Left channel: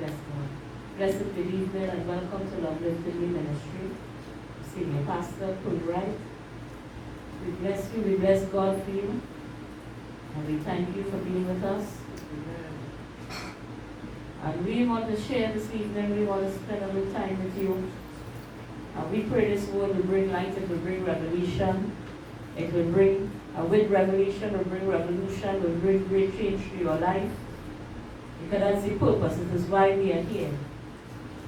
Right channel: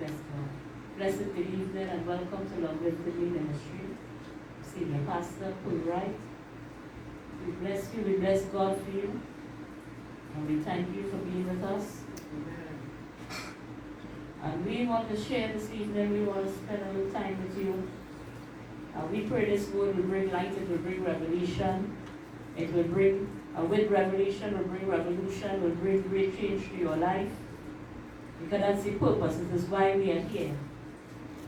Bless God. Blessed good evening and welcome to Love Lifted Me Ministry. Senior Pastor Fulbright. We bless you, we bless God for you. And we thank you for being with us. Amen. And we want to share this evening, we want to spend a little time with you. And we pray this word will bring light, it will bring revelation. It will bring, with revelation, will bring revolution, will bring great change to your life. Because that's the purpose, it is why we are here.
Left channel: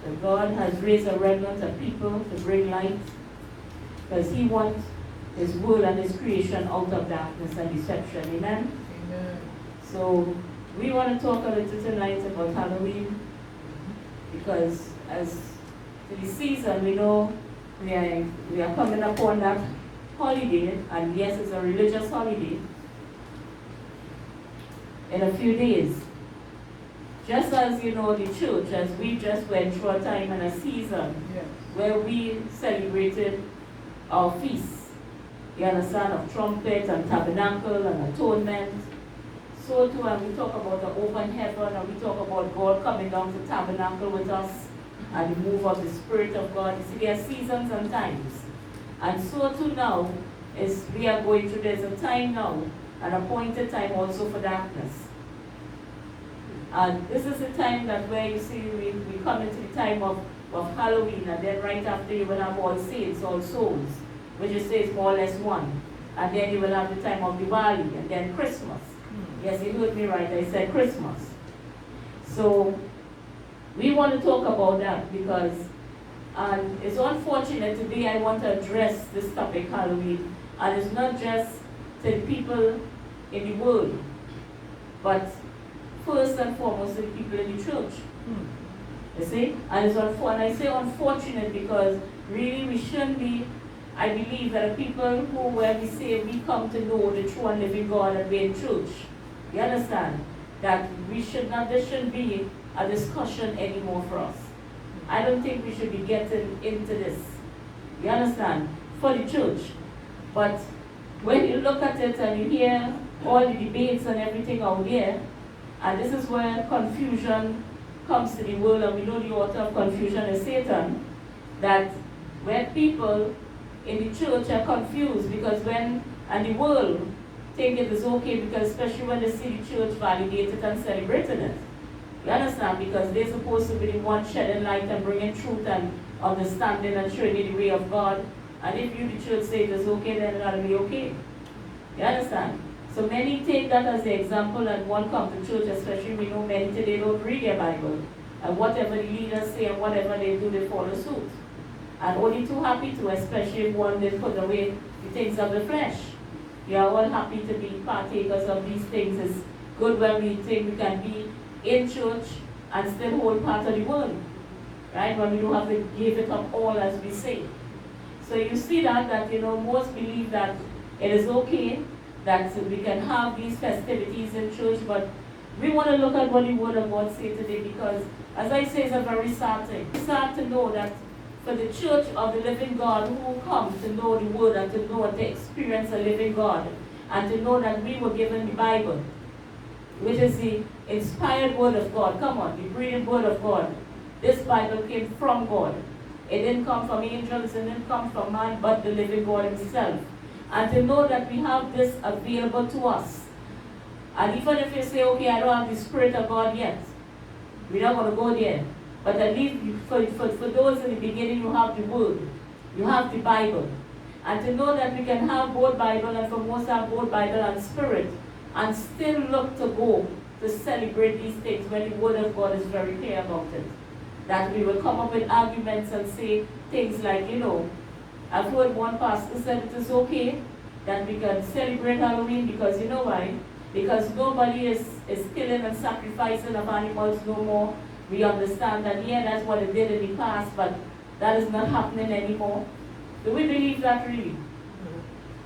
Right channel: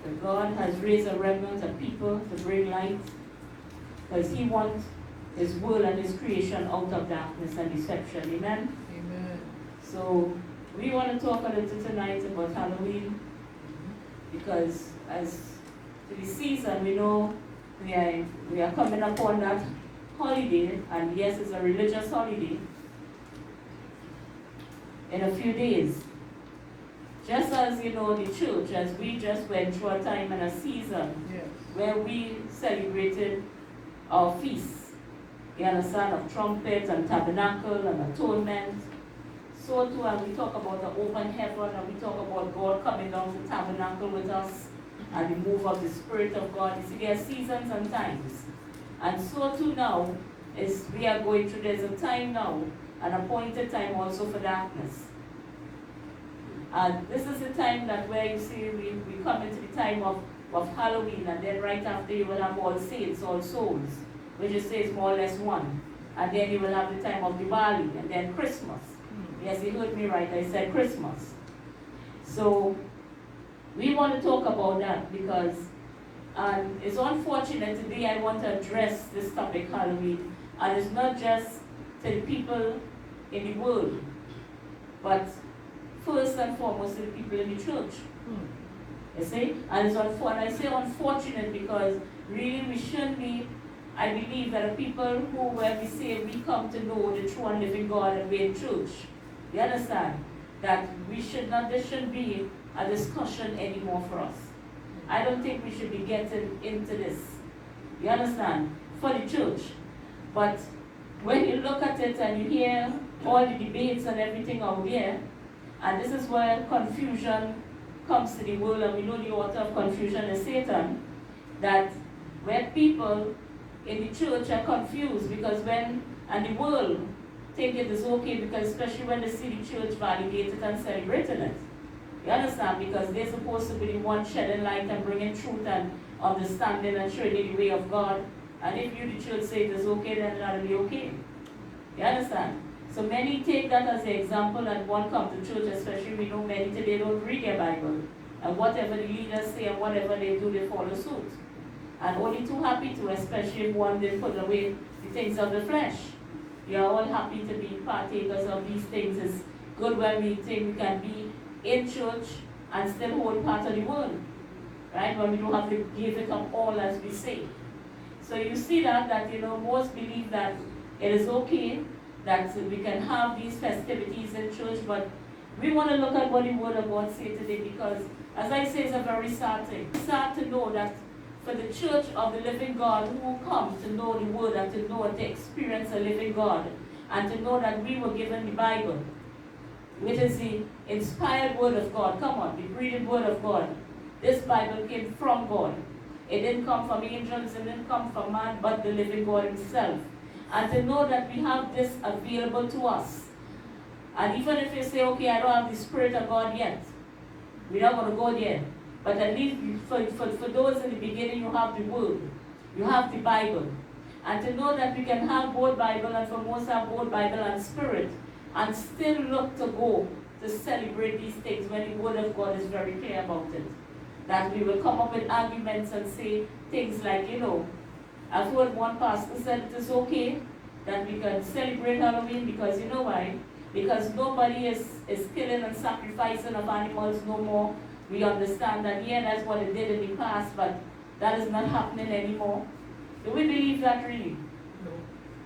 That God has raised a remnant of people to bring light. Because He wants His world and His creation out of darkness and deception. Amen? Amen. So, we want to talk a little tonight about Halloween. Because as to the season, we know we are coming upon that holiday. And yes, it's a religious holiday. In a few days. Just as you know, the church, as we just went through a time and a season where we celebrated our feasts, you understand, of trumpet and tabernacle and atonement. So too, and we talk about the open heaven, and we talk about God coming down to tabernacle with us and the move of the Spirit of God. You see, there are seasons and times. And so too now, is we are going through, there's a time now, an appointed time also for darkness. And this is the time that where you see we come into the time of Halloween, and then right after you will have All Saints, All Souls, which is says more or less one. And then you will have the time of Diwali, and then Christmas. Yes, you heard me right, I said Christmas. So we want to talk about that because it's unfortunate today I want to address this topic, Halloween. And it's not just to the people in the world, but first and foremost to the people in the church. You see? And it's and I say unfortunate because really we shouldn't be, I believe that the people who, when we say we come to know the true and living God and we're in church, you understand? That we should not, there shouldn't be a discussion anymore for us. I don't think we should be getting into this. You understand? For the church. But when you look at it and you hear all the debates and everything out there, and this is where confusion comes to the world, and we know the author of confusion is Satan, that where people in the church are confused because and the world think it is okay because especially when they see the church validated and celebrating it. You understand? Because they're supposed to be the one shedding light and bringing truth and understanding and showing you the way of God. And if you, the church, say it is okay, then it ought to be okay. You understand? So many take that as the example and won't come to church, especially we know many today don't read their Bible. And whatever the leaders say and whatever they do, they follow suit. And only too happy to, especially if one did put away the things of the flesh. You are all happy to be partakers of these things. It's good when we think we can be in church and still hold part of the world. Right? When we don't have to give it up all as we say. So you see that most believe that it is okay that we can have these festivities in church, but we want to look at what the Word of God says today because, as I say, it's a very sad thing. It's sad to know that for the church of the living God who come to know the Word and to know and to experience the living God and to know that we were given the Bible, which is the inspired Word of God. Come on, the breathing Word of God. This Bible came from God. It didn't come from angels, it didn't come from man, but the living God Himself. And to know that we have this available to us. And even if you say, okay, I don't have the Spirit of God yet, we're not going to go there. But at least for those in the beginning, you have the Word. You have the Bible. And to know that we can have both Bible and for most have both Bible and Spirit and still look to go to celebrate these things when the Word of God is very clear about it. That we will come up with arguments and say things like, I've heard one pastor said it is okay that we can celebrate Halloween because you know why? Because nobody is killing and sacrificing of animals no more. We understand that, that's what it did in the past, but that is not happening anymore. Do we believe that really?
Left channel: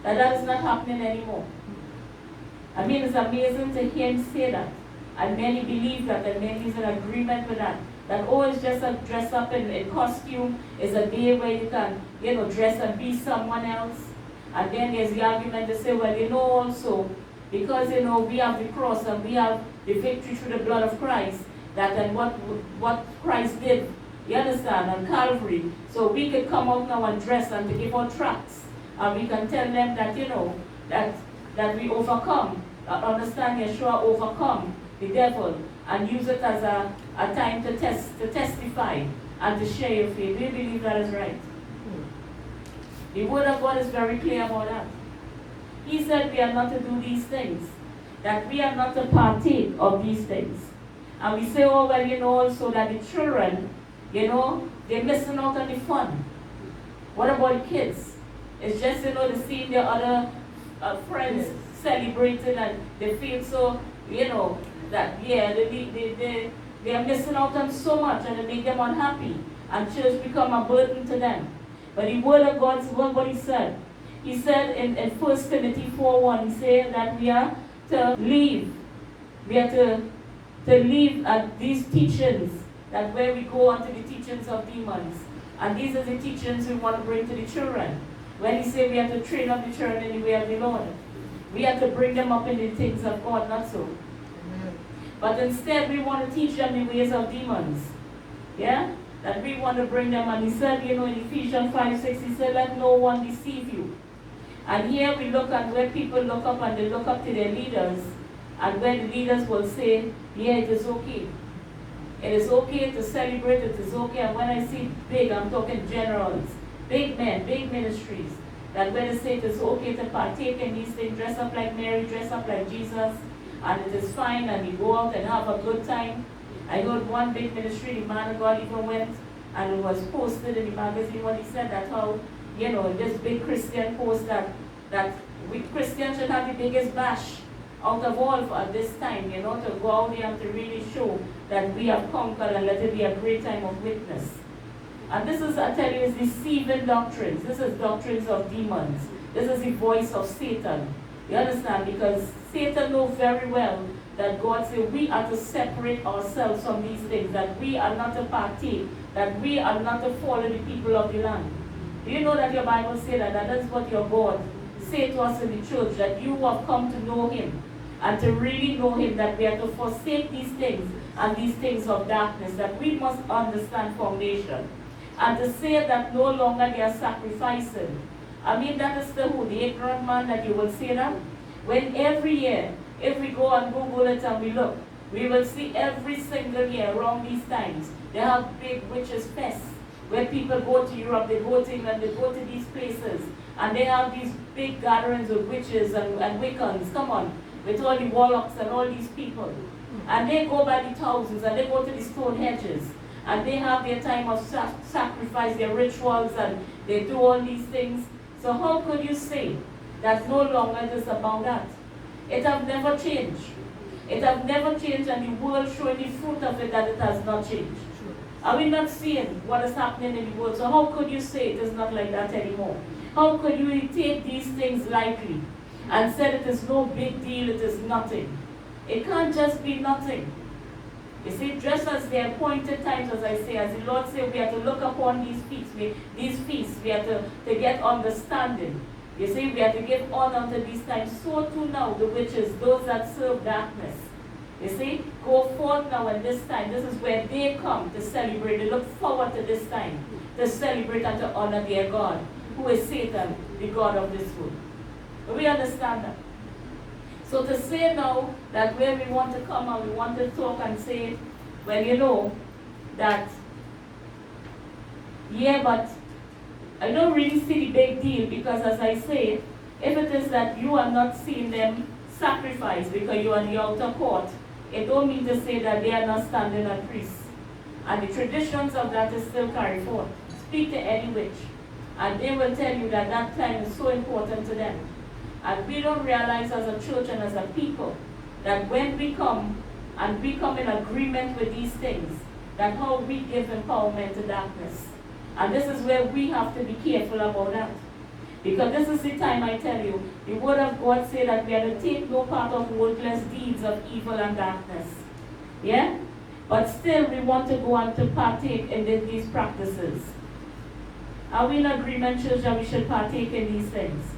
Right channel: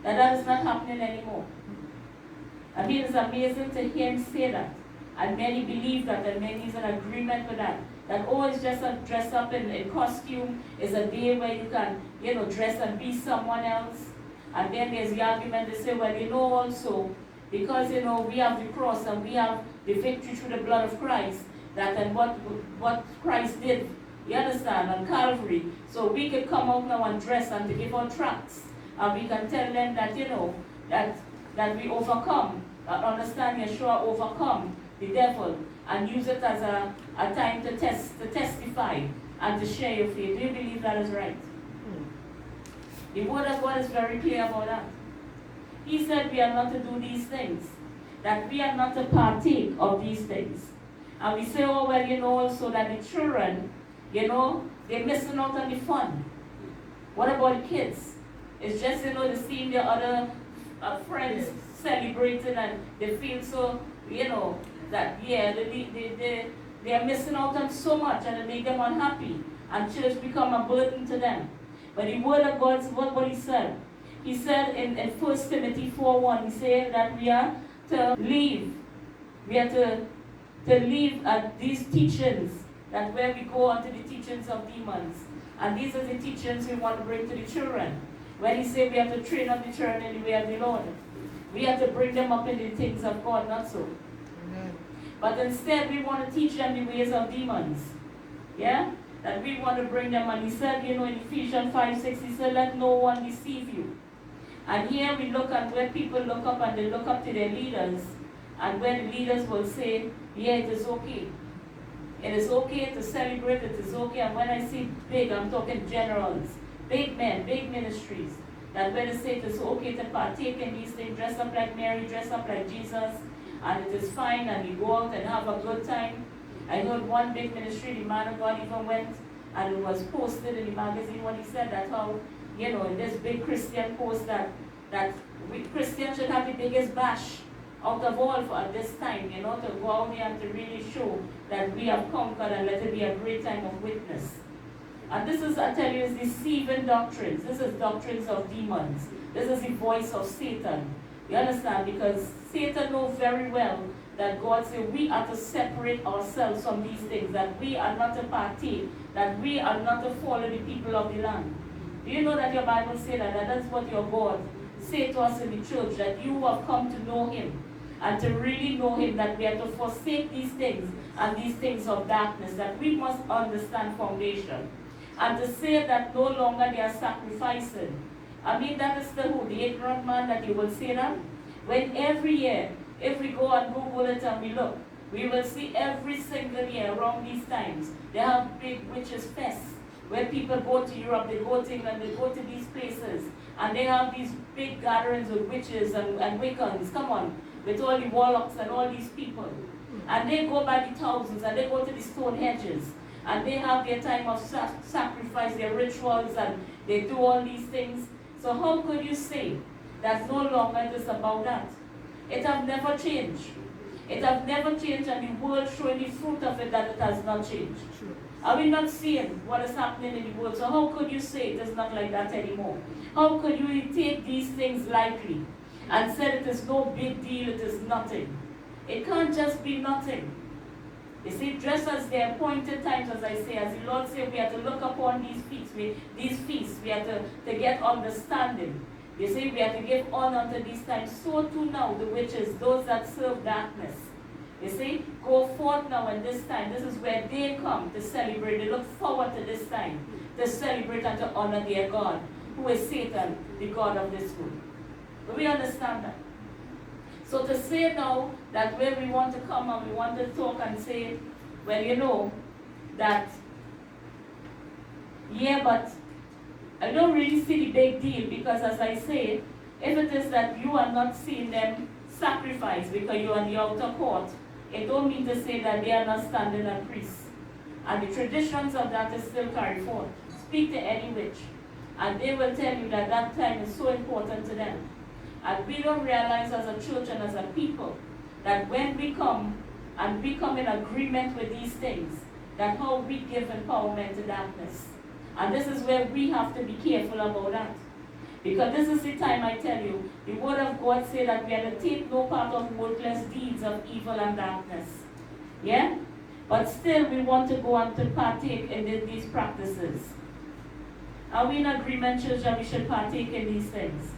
That is not happening anymore. I mean, it's amazing to hear him say that. And many believe that, and many is in agreement with that. That always just a dress up in costume is a day where you can, dress and be someone else. And then there's the argument to say, well, also, because, we have the cross and we have the victory through the blood of Christ, that and what Christ did, you understand, on Calvary. So we could come out now and dress and to give out tracts. And we can tell them that, that we overcome, understand Yeshua overcome the devil, and use it as a time to testify and to share your faith. Do you believe that is right? The word of God is very clear about that. He said we are not to do these things, that we are not to partake of these things. And we say, oh, well, also that the children, they're missing out on the fun. What about the kids? It's just, they see their other friends celebrating and they feel so, that, they are missing out on so much and it make them unhappy. And church become a burden to them. But the word of God, what he said. He said in 1 Timothy 4:1, he said that we are to leave. We are to leave these teachings, that where we go on to the teachings of demons. And these are the teachings we want to bring to the children. When he said we have to train up the children in the way of the Lord, we have to bring them up in the things of God, not so. Amen. But instead we want to teach them the ways of demons. Yeah? That we want to bring them, and he said, in Ephesians 5:6, he said, let no one deceive you. And here we look at where people look up and they look up to their leaders, and when the leaders will say, yeah, it is okay. It is okay to celebrate, it is okay. And when I see big, I'm talking generals, big men, big ministries, that when they say it is okay to partake in these things, dress up like Mary, dress up like Jesus, and it is fine, and we go out and have a good time. I heard one big ministry, the man of God even went, and it was posted in the magazine when he said that how, this big Christian post that we Christians should have the biggest bash out of all at this time, to go out there and to really show that we have conquered and let it be a great time of witness. And this is, I tell you, is deceiving doctrines. This is doctrines of demons. This is the voice of Satan. You understand? Because Satan knows very well that God said we are to separate ourselves from these things, that we are not to partake, that we are not to follow the people of the land. Do you know that your Bible says that is what your God said to us in the church, that you have come to know him, and to really know him, that we are to forsake these things and these things of darkness, that we must understand foundation. And to say that no longer they are sacrificing. I mean, that is the ignorant man that you will say that. When every year, if we go and Google it and we look, we will see every single year around these times, they have big witches' fests, where people go to Europe, they go to England, they go to these places, and they have these big gatherings of witches and Wiccans, come on, with all the warlocks and all these people. And they go by the thousands, and they go to the stone hedges, and they have their time of sacrifice, their rituals, and they do all these things. So how could you say that no longer it is about that? It have never changed. It have never changed, and the world showing the fruit of it that it has not changed. Are we not seeing what is happening in the world? So how could you say it is not like that anymore? How could you take these things lightly and say it is no big deal, it is nothing? It can't just be nothing. You see, just as the appointed times, as I say, as the Lord said, we have to look upon these feasts. We have to get understanding. You see, we have to give honor to these times. So too now, the witches, those that serve darkness. You see, go forth now in this time. This is where they come to celebrate. They look forward to this time to celebrate and to honor their God, who is Satan, the God of this world. But we understand that. So to say now that where we want to come and we want to talk and say, well, that, yeah, but I don't really see the big deal, because as I say, if it is that you are not seeing them sacrifice because you are in the outer court, it don't mean to say that they are not standing as priests. And the traditions of that is still carried forth. Speak to any witch, and they will tell you that that time is so important to them. And we don't realize as a church and as a people that when we come and we come in agreement with these things, that how we give empowerment to darkness. And this is where we have to be careful about that. Because this is the time, I tell you, the word of God says that we are to take no part of worthless deeds of evil and darkness. Yeah? But still we want to go on to partake in these practices. Are we in agreement, church, that we should partake in these things?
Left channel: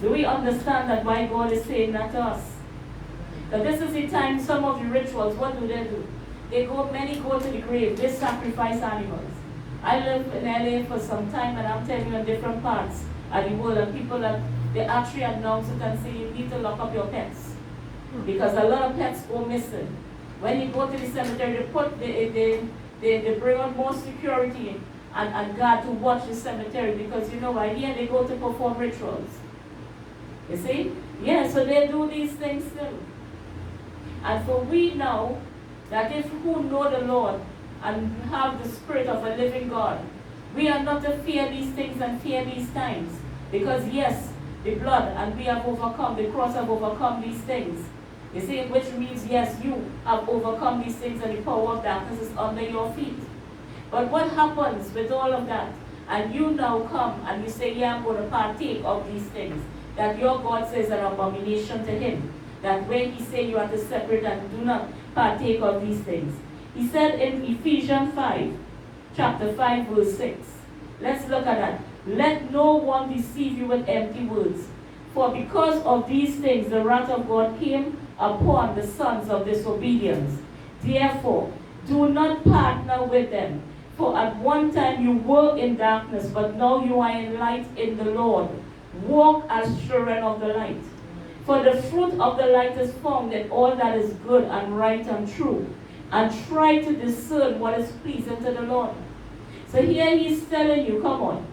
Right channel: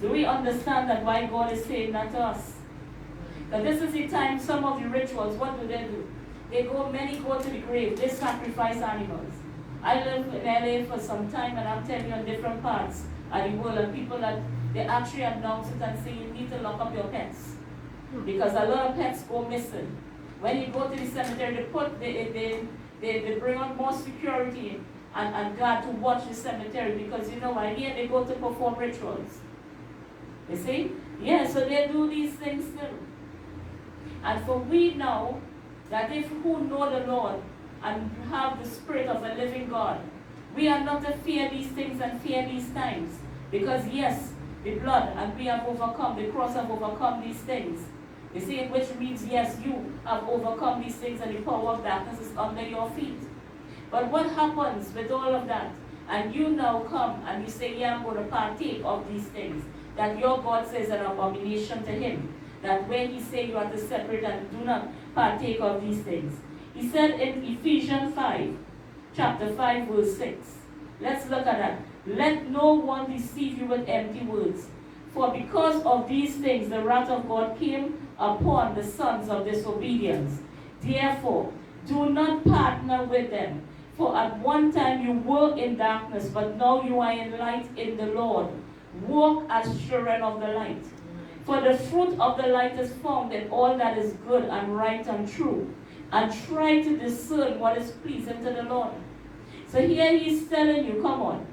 Do we understand that why God is saying that to us? That this is the time, some of the rituals, what do? Many go to the grave, they sacrifice animals. I lived in LA for some time, and I'm telling you, in different parts of the world, and people that they actually announce it and say you need to lock up your pets. Because a lot of pets go missing. When you go to the cemetery, they bring out more security and guard to watch the cemetery, because you know why? Here they go to perform rituals. You see? Yeah, so they do these things still. And for we know that if who know the Lord and have the Spirit of a living God, we are not to fear these things and fear these times. Because yes, the blood, and we have overcome, the cross have overcome these things. You see, which means yes, you have overcome these things and the power of darkness is under your feet. But what happens with all of that? And you now come and you say, yeah, I'm going to partake of these things that your God says are an abomination to him. That when he say you are to separate and do not partake of these things. He said in Ephesians 5, chapter 5, verse 6. Let's look at that. Let no one deceive you with empty words. For because of these things the wrath of God came upon the sons of disobedience. Therefore, do not partner with them. For at one time you were in darkness, but now you are in light in the Lord. Walk as children of the light. For the fruit of the light is found in all that is good and right and true. And try to discern what is pleasing to the Lord. So here he's telling you, come on,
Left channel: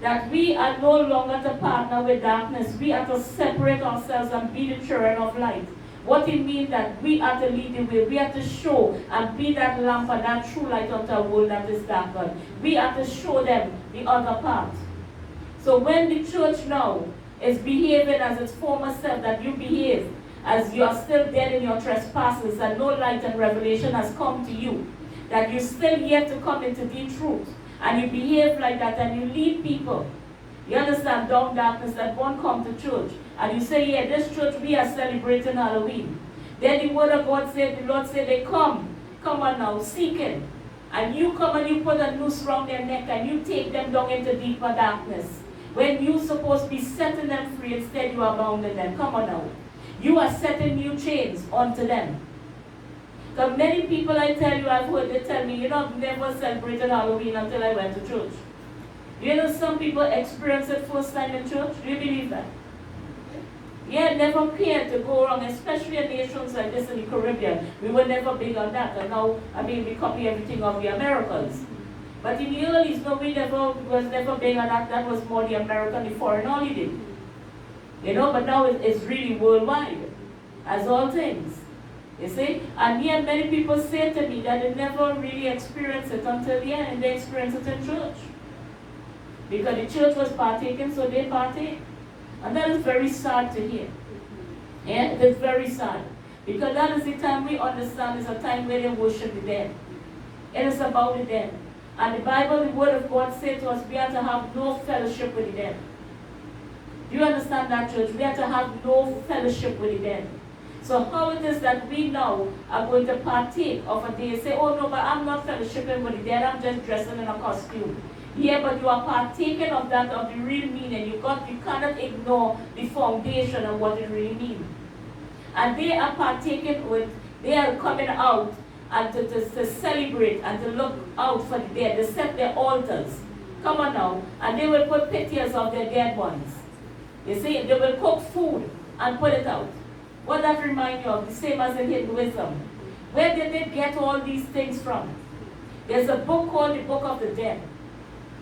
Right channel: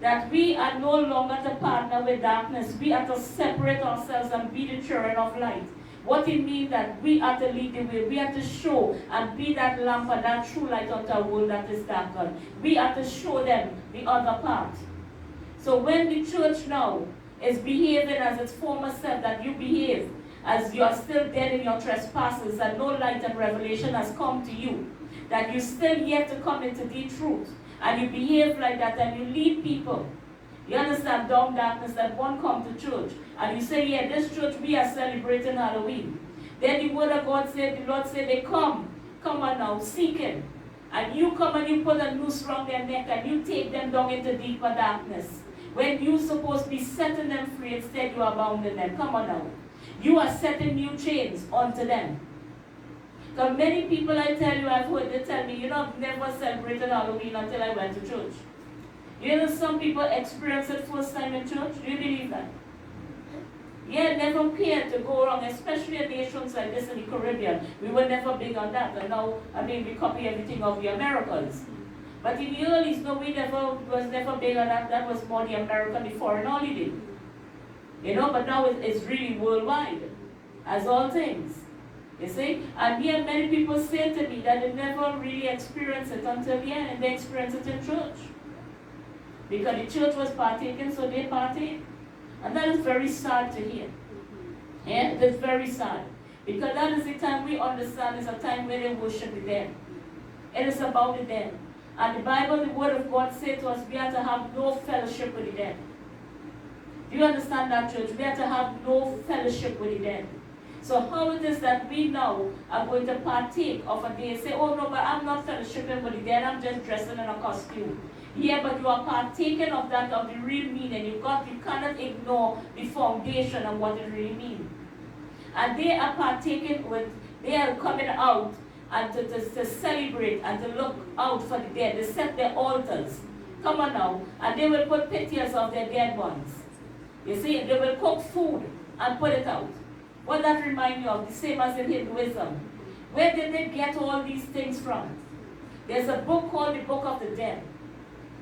that we are no longer to partner with darkness. We are to separate ourselves and be the children of light. What it means that we are to lead the way. We are to show and be that lamp and that true light unto a world that is darkened. We are to show them the other part. So when the church now is behaving as its former self that you behave, as you are still dead in your trespasses and no light and revelation has come to you, that you still yet to come into the truth, and you behave like that and you lead people, you understand, down darkness, that won't come to church, and you say, yeah, this church, we are celebrating Halloween. Then the word of God said, the Lord said, they come on now, seeking, and you come and you put a noose around their neck and you take them down into deeper darkness. When you're supposed to be setting them free, instead you are bounding them. Come on now. You are setting new chains onto them. Because many people, I tell you, I've heard, they tell me, you know, I've never celebrated Halloween until I went to church. You know, some people experience it first time in church. Do you believe that? Yeah, never cared to go wrong, especially in nations like this in the Caribbean. We were never big on that. And now, I mean, we copy everything of the Americans. But in the early, no, was never big on that. That was more the American, the foreign holiday. You know, but now it's really worldwide, as all things. You see? And yet many people say to me that they never really experienced it until the end, and they experienced it in church. Because the church was partaking, so they partake. And that is very sad to hear. Yeah, it is very sad. Because that is the time we understand is a time where they worship the dead. It is about the dead. And the Bible, the Word of God says to us, we are to have no fellowship with the dead. Do you understand that, church? We are to have no fellowship with the dead. So how it is that we now are going to partake of a day and say, oh no, but I'm not fellowshipping with the dead, I'm just dressing in a costume. Yeah, but you are partaking of that, of the real meaning. You cannot ignore the foundation of what it really means. And they are partaking with, they are coming out and to celebrate and to look out for the dead. They set their altars. Come on now. And they will put pictures of their dead ones. You see, they will cook food and put it out. What that reminds you of? The same as in Hinduism. Where did they get all these things from? There's a book called the Book of the Dead.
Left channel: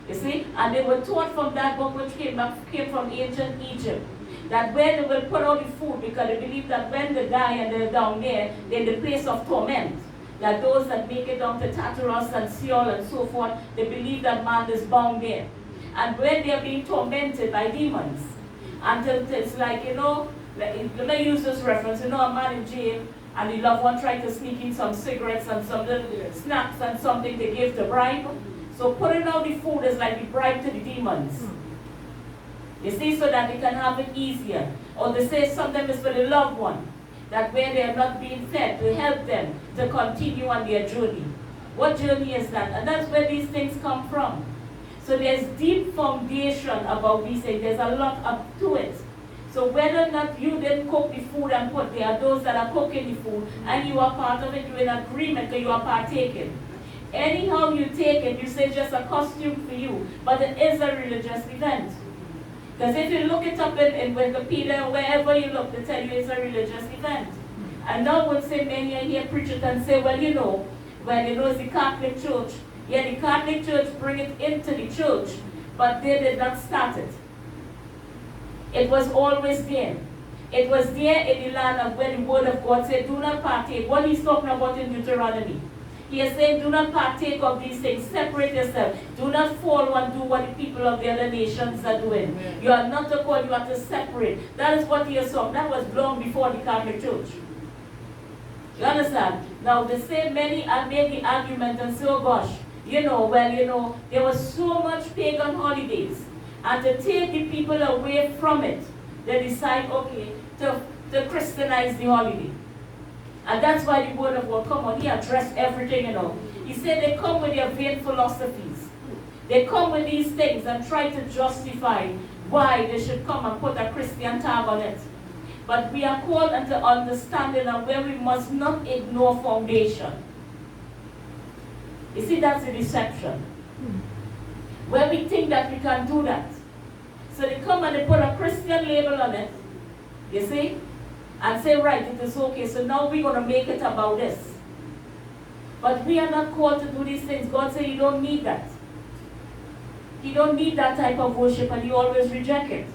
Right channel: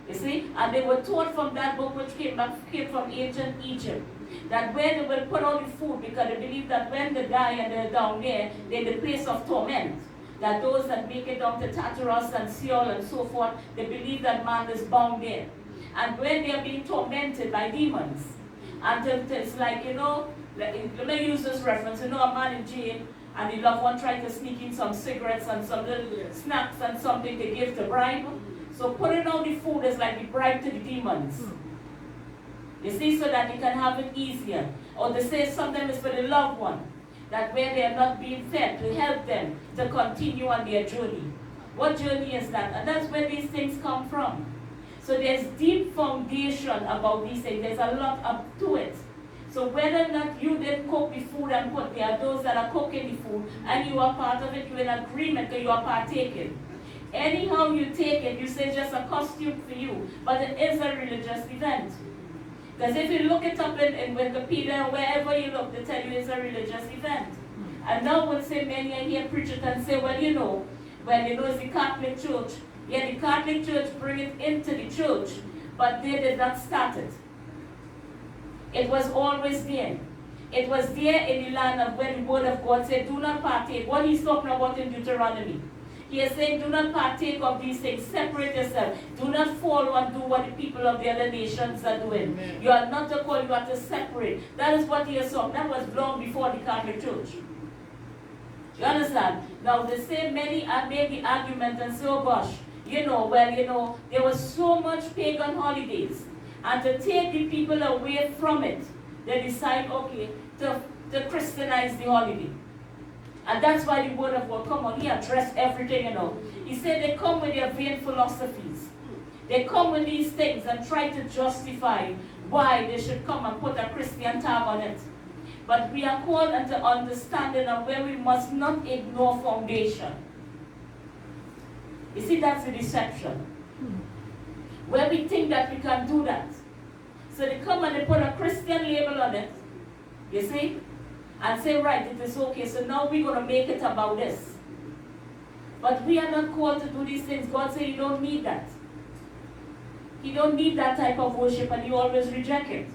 You see? And they were taught from that book, which came from ancient Egypt, that where they will put out the food, because they believe that when they die and they're down there, they're in the place of torment. That those that make it down to Tartarus and Sheol and so forth, they believe that man is bound there. And when they are being tormented by demons, and it's like, you know, let me use this reference, you know, a man in jail, and the loved one tried to sneak in some cigarettes and some little snacks and something to give to bribe. So putting out the food is like the bribe to the demons. You see, so that they can have it easier. Or they say sometimes it's for the loved one, that where they are not being fed, to help them to continue on their journey. What journey is that? And that's where these things come from. So there's deep foundation about these things. There's a lot up to it. So whether or not you didn't cook the food and put there, those that are cooking the food, and you are part of it, you're in agreement because you are partaking. Anyhow you take it, you say it's just a costume for you, but it is a religious event. Because if you look it up in Wikipedia, wherever you look, they tell you it's a religious event. And now would say many are here preach it and say, well, it's the Catholic Church. Yeah, the Catholic Church bring it into the church, but they did not start it. It was always there. It was there in the land of where the word of God said, do not partake. What he's talking about in Deuteronomy. He is saying, do not partake of these things. Separate yourself. Do not follow and do what the people of the other nations are doing. Amen. You are not to call, you are to separate. That is what he is saying. That was long before the Catholic Church. You understand? Now, they say many have made the argument and say, oh gosh, there was so much pagan holidays. And to take the people away from it, they decide, okay, to Christianize the holiday. And that's why the word of God come on. He addressed everything, He said they come with their vain philosophies. They come with these things and try to justify why they should come and put a Christian tag on it. But we are called into understanding of where we must not ignore foundation. You see, that's a deception. Where we think that we can do that. So they come and they put a Christian label on it, you see, and say, right, it is okay, so now we're going to make it about this. But we are not called to do these things. God said you don't need that. You don't need that type of worship, and you always reject it.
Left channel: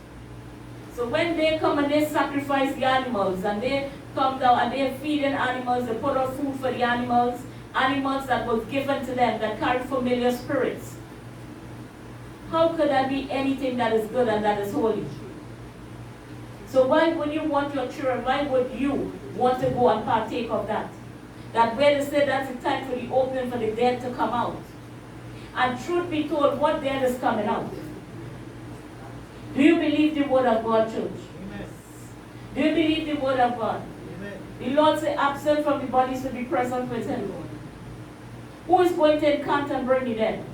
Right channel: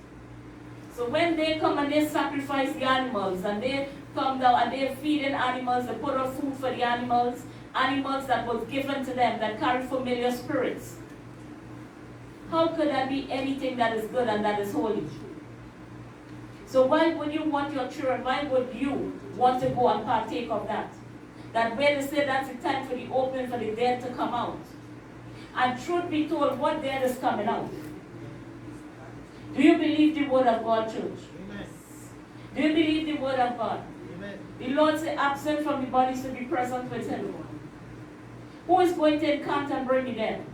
So when they come and they sacrifice the animals, and they come down and they're feeding animals, they put out food for the animals that was given to them that carry familiar spirits. How could there be anything that is good and that is holy? So why would you want your children, why would you want to go and partake of that? That where they say that's the time for the opening for the dead to come out. And truth be told, what dead is coming out? Do you believe the word of God, church? Amen. Do you believe the word of God? Amen. The Lord said, absent from the body to be present with him. Who is going to encamp and bring the dead?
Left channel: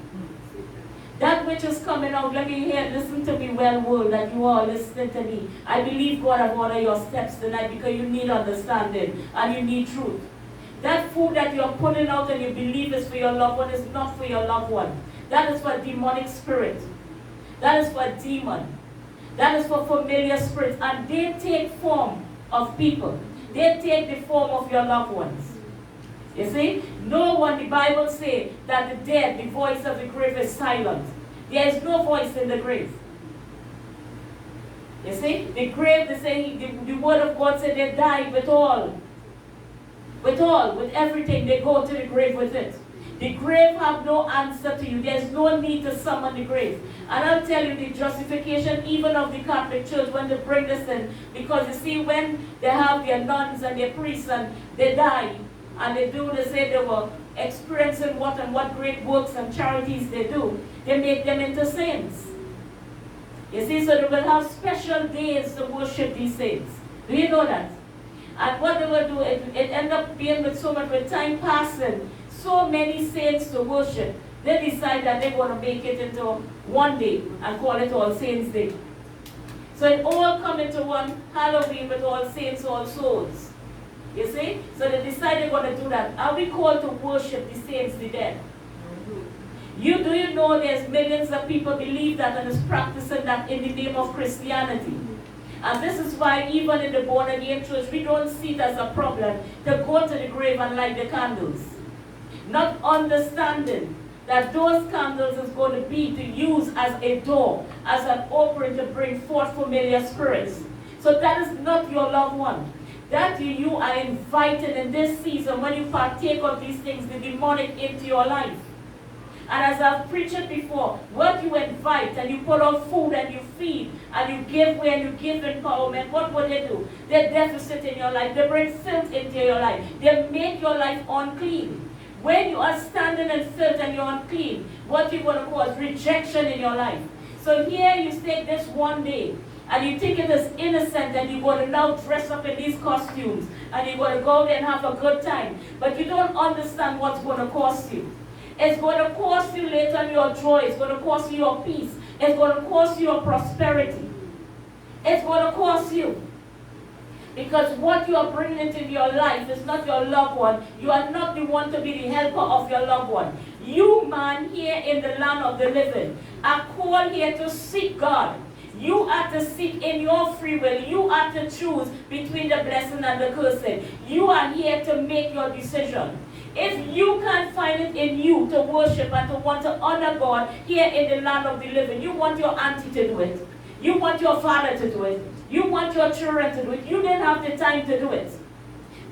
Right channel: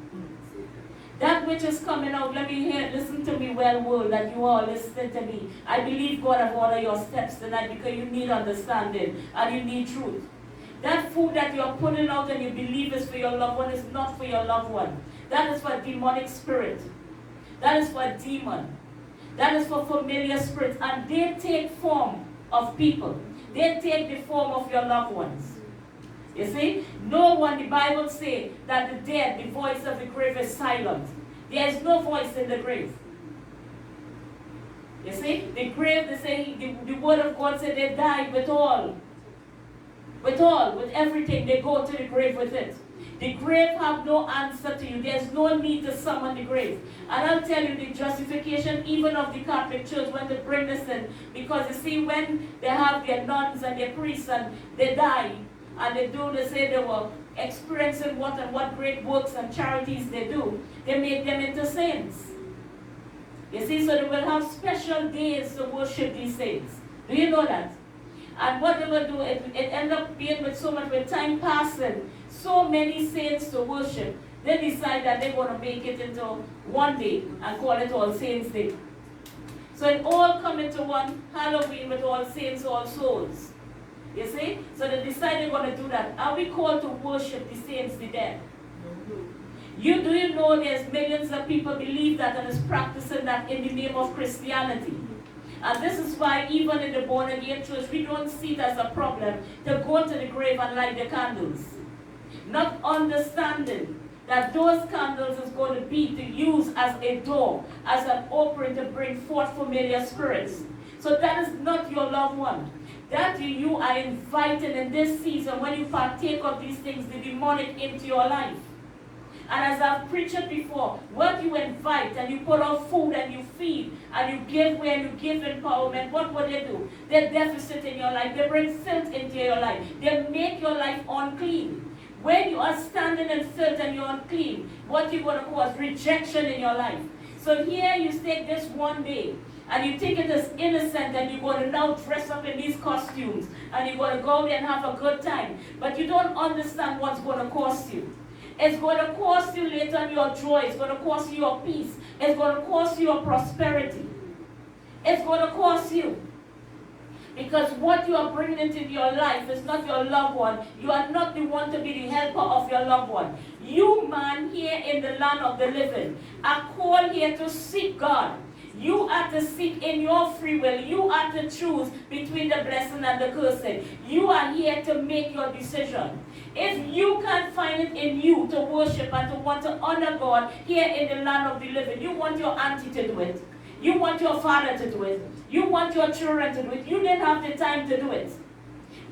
That which is coming out, let me hear, listen to me well, world, that you all listen to me. I believe God have ordered your steps tonight because you need understanding and you need truth. That food that you're putting out and you believe is for your loved one is not for your loved one. That is for demonic spirit. That is for demon. That is for familiar spirits. And they take form of people. They take the form of your loved ones. You see, no one, the Bible says that the dead, the voice of the grave is silent. There is no voice in the grave. You see, the grave, they say, the word of God said they died with all. With everything, they go to the grave with it. The grave have no answer to you. There's no need to summon the grave. And I'll tell you the justification even of the Catholic Church when they bring this in. Because you see, when they have their nuns and their priests and they die, and they say they were experiencing what great works and charities they do, they make them into saints. You see, so they will have special days to worship these saints. Do you know that? And what they will do, it end up being with so much, with time passing, so many saints to worship, they decide that they're going to make it into one day and call it All Saints Day. So it all come into one Halloween with All Saints, All Souls. You see? So they decide they're going to do that. Are we called to worship the saints, the dead? Do you know there's millions of people believe that and is practicing that in the name of Christianity? And this is why even in the born again church, we don't see it as a problem to go to the grave and light the candles. Not understanding that those candles is going to be to use as a door, as an opening to bring forth familiar spirits. So that is not your loved one. That you are invited in this season when you partake of these things, the demonic into your life. And as I've preached it before, what you invite and you put out food and you feed and you give way and you give empowerment, what will they do? They deficit in your life. They bring filth into your life. They make your life unclean. When you are standing in filth and you're unclean, what you're going to cause? Rejection in your life. So here you take this one day, and you think it is innocent and you're going to now dress up in these costumes and you're going to go there and have a good time. But you don't understand what's going to cost you. It's going to cost you later your joy. It's going to cost you your peace. It's going to cost you your prosperity. It's going to cost you. Because what you are bringing into your life is not your loved one. You are not the one to be the helper of your loved one. You, man, here in the land of the living, are called here to seek God. You are to seek in your free will. You are to choose between the blessing and the cursing. You are here to make your decision. If you can't find it in you to worship and to want to honor God here in the land of the living, you want your auntie to do it. You want your father to do it. You want your children to do it. You didn't have the time to do it.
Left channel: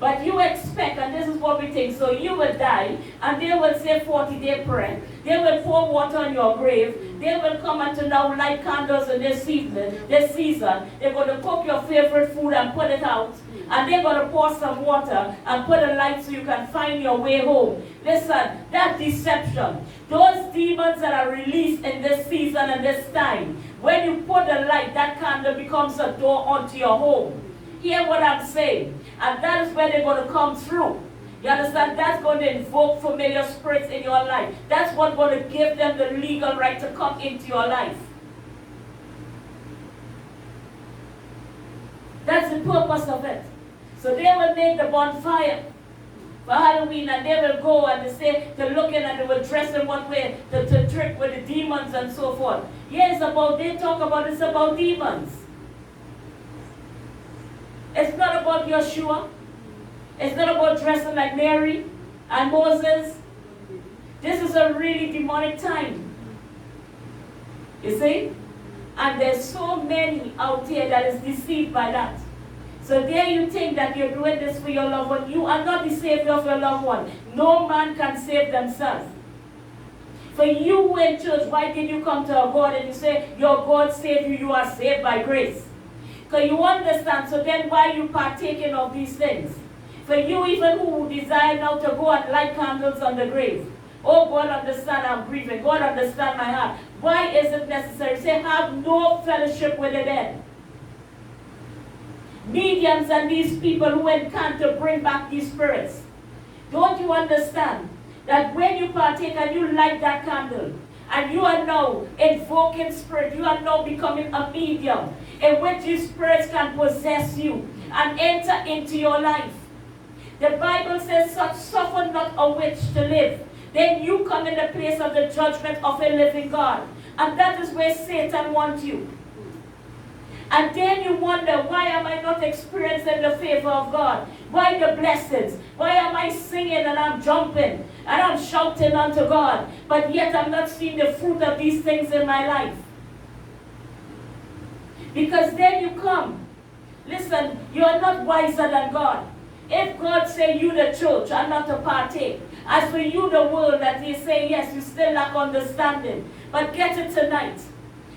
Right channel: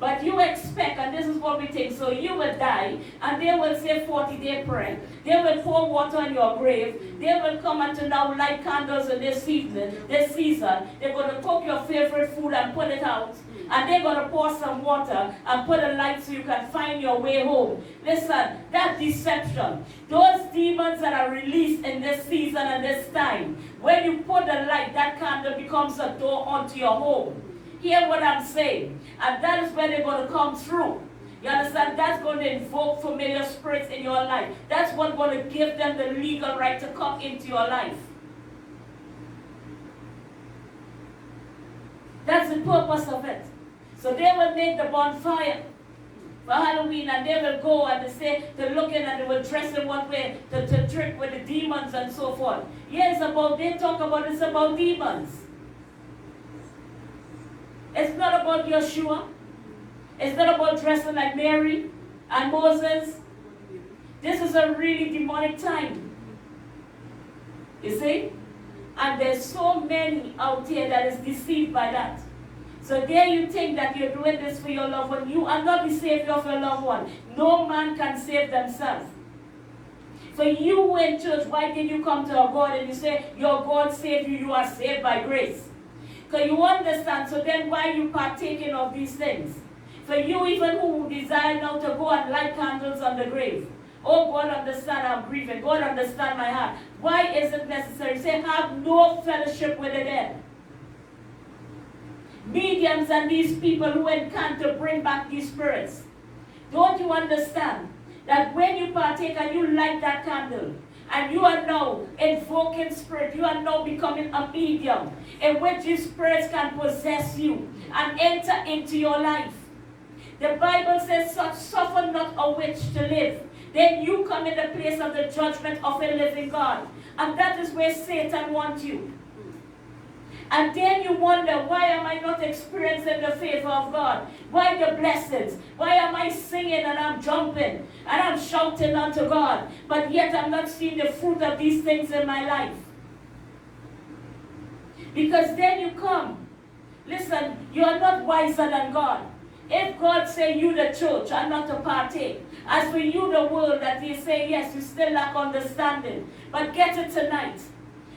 But you expect, and this is what we think, so you will die, and they will say 40-day prayer. They will pour water on your grave. They will come and to now light candles in this season. They're going to cook your favorite food and put it out. And they're going to pour some water and put a light so you can find your way home. Listen, that deception, those demons that are released in this season and this time, when you put the light, that candle becomes a door onto your home. Hear what I'm saying. And that is where they're going to come through. You understand? That's going to invoke familiar spirits in your life. That's what's going to give them the legal right to come into your life. That's the purpose of it. So they will make the bonfire for Halloween, and they will go and they say to look in and they will dress in one way to trick with the demons and so forth. Yes, they talk about it's about demons. It's not about Yeshua. It's not about dressing like Mary and Moses. This is a really demonic time. You see? And there's so many out there that is deceived by that. So there you think that you're doing this for your loved one. You are not the savior of your loved one. No man can save themselves. For you who in church, why did you come to a God and you say, your God saved you, you are saved by grace? Because you understand, so then why are you partaking of these things? For you even who desire now to go and light candles on the grave. Oh, God understand I'm grieving. God understand my heart. Why is it necessary? Say, have no fellowship with the dead. Mediums and these people who can to bring back these spirits. Don't you understand that when you partake and you light that candle, and you are now invoking spirit, you are now becoming a medium in which these spirits can possess you and enter into your life. The Bible says, suffer not a witch to live. Then you come in the place of the judgment of a living God. And that is where Satan wants you. And then you wonder, why am I not experiencing the favor of God? Why the blessings? Why am I singing and I'm jumping and I'm shouting unto God, but yet I'm not seeing the fruit of these things in my life? Because then you come. Listen, you are not wiser than God. If God say you the church are not to partake, as for you the world that they say yes, you still lack understanding. But get it tonight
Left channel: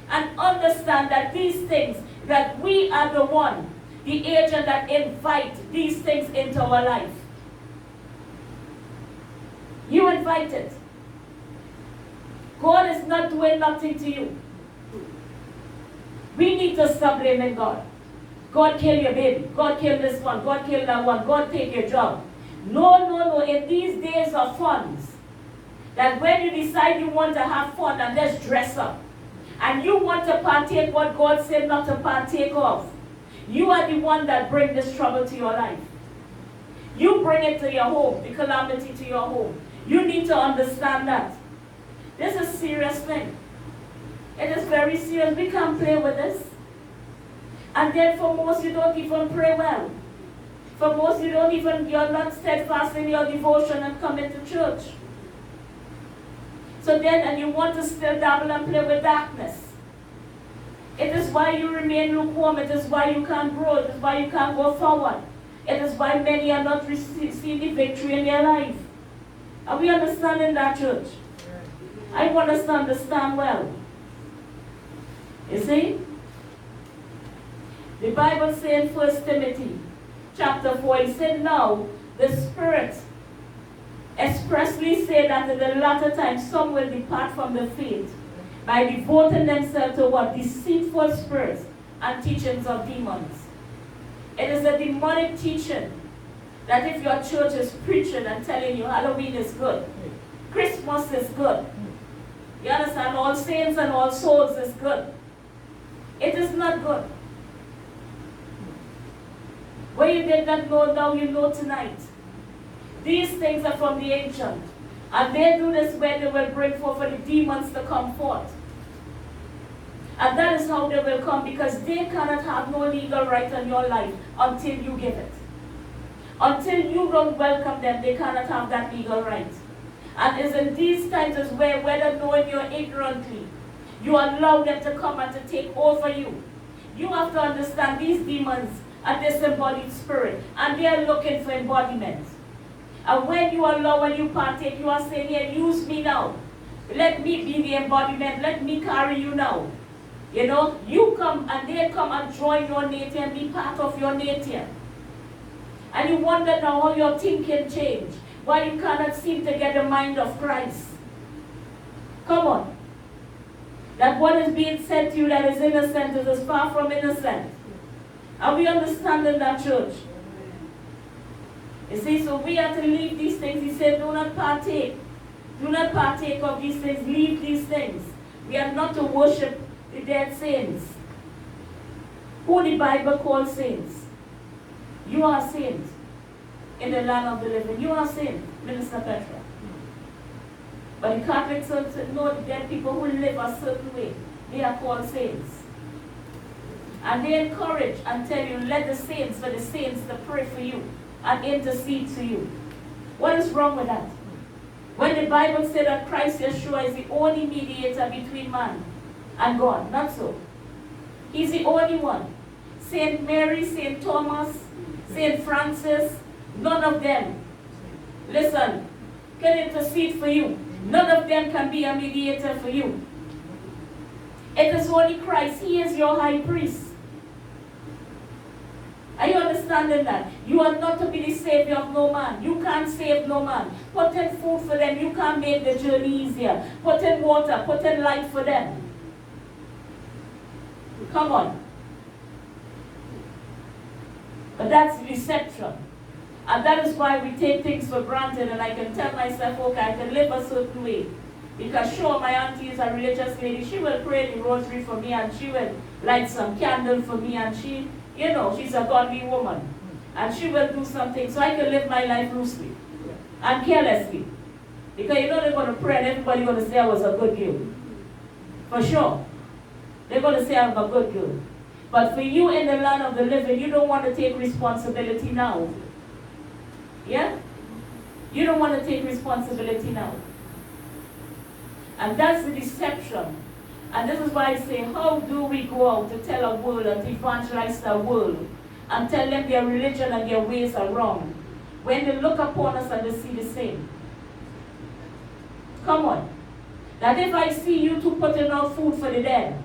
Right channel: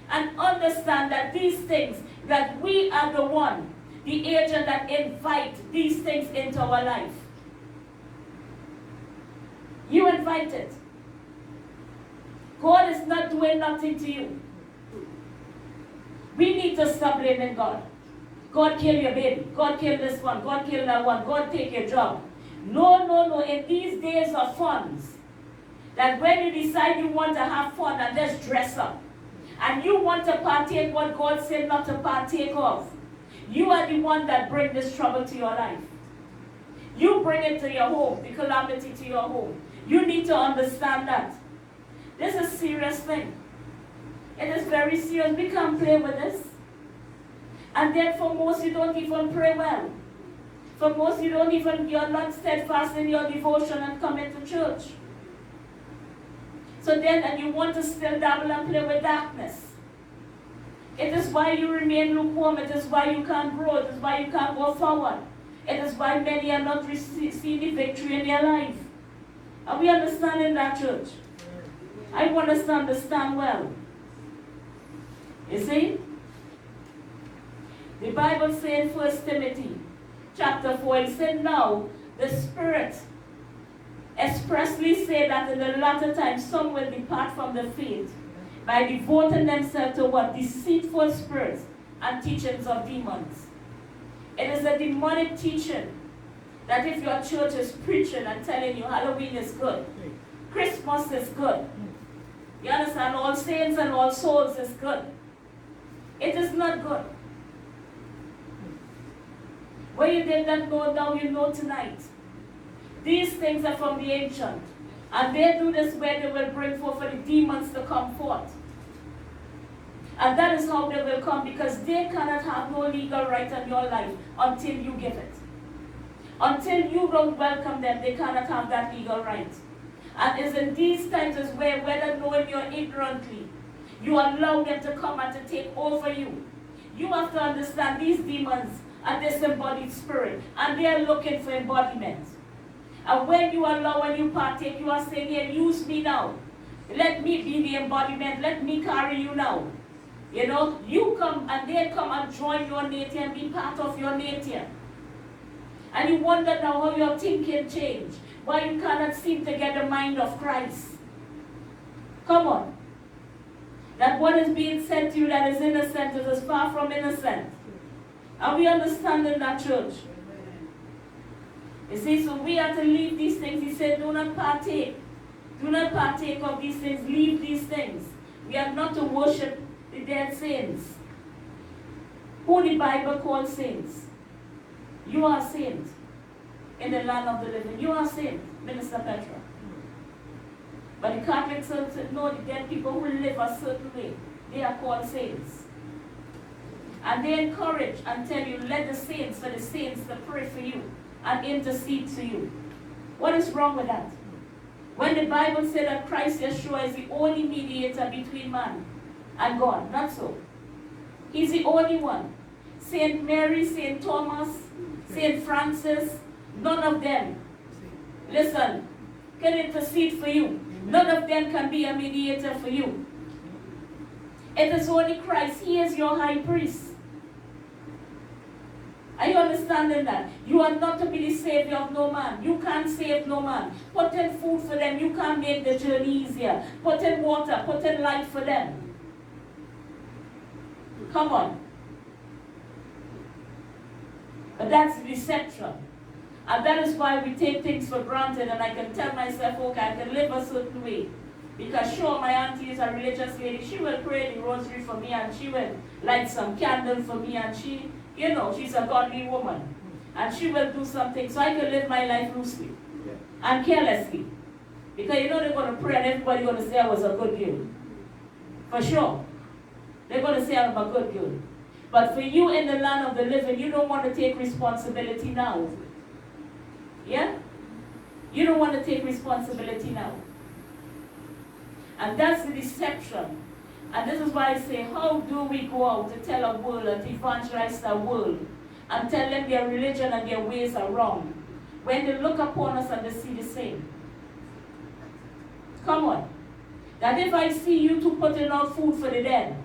and understand that these things, that we are the one, the agent that invite these things into our life. You invite it. God is not doing nothing to you. We need to stop blaming God. God kill your baby. God kill this one. God kill that one. God take your job. No, no, no. In these days of funds, that when you decide you want to have fun and just dress up, and you want to partake what God said not to partake of, you are the one that bring this trouble to your life. You bring it to your home, the calamity to your home. You need to understand that. This is a serious thing. It is very serious. We can't play with this. And then for most, you don't even pray well. For most, you're not steadfast in your devotion and coming to church. So then, and you want to still dabble and play with darkness. It is why you remain lukewarm. It is why you can't grow. It is why you can't go forward. It is why many are not seeing the victory in their life. Are we understanding that, church? I want us to understand well. You see? The Bible says in 1 Timothy chapter 4, it said, now the Spirit expressly say that in the latter time some will depart from the faith by devoting themselves to what? Deceitful spirits and teachings of demons. It is a demonic teaching that if your church is preaching and telling you Halloween is good, Christmas is good, you understand, All Saints and All Souls is good. It is not good. What you did not know, now you know tonight. These things are from the ancient. And they do this where they will bring forth for the demons to come forth. And that is how they will come, because they cannot have no legal right on your life until you give it. Until you don't welcome them, they cannot have that legal right. And it's in these times as well, whether knowing you're ignorantly, you allow them to come and to take over you. You have to understand these demons are disembodied spirit, and they are looking for embodiment. And when you allow and you partake, you are saying, here, use me now. Let me be the embodiment. Let me carry you now. You know, you come and they come and join your nature and be part of your nature. And you wonder now how your thinking changed. Why you cannot seem to get the mind of Christ. Come on. That what is being said to you that is innocent is as far from innocent. Are we understanding that, church? You see, so we have to leave these things. He said, do not partake. Do not partake of these things. Leave these things. We are not to worship the dead saints. Who the Bible calls saints. You are saint in the land of the living. You are saint, Minister Petra. But the Catholics know the dead people who live a certain way. They are called saints. And they encourage and tell you, let the saints, for the saints to pray for you and intercede to you. What is wrong with that? When the Bible said that Christ Yeshua is the only mediator between man and God, not so. He's the only one. Saint Mary, Saint Thomas, Saint Francis, none of them, listen, can intercede for you. None of them can be a mediator for you. It is only Christ. He is your high priest. Are you understanding that? You are not to be the savior of no man. You can't save no man. Put in food for them. You can't make the journey easier. Put in water. Put in light for them. Come on. But that's deception. And that is why we take things for granted, and I can tell myself, okay, I can live a certain way. Because sure, my auntie is a religious lady. She will pray the rosary for me, and she will light some candle for me, and she, you know, she's a godly woman. And she will do something so I can live my life loosely and carelessly. Because you know they're going to pray and everybody's going to say I was a good girl. For sure. They're going to say I'm a good girl. But for you in the land of the living, you don't want to take responsibility now. Yeah? You don't want to take responsibility now. And that's the deception. And this is why I say, how do we go out to tell a world and to evangelize the world and tell them their religion and their ways are wrong when they look upon us and they see the same? Come on. That if I see you two putting out food for the dead,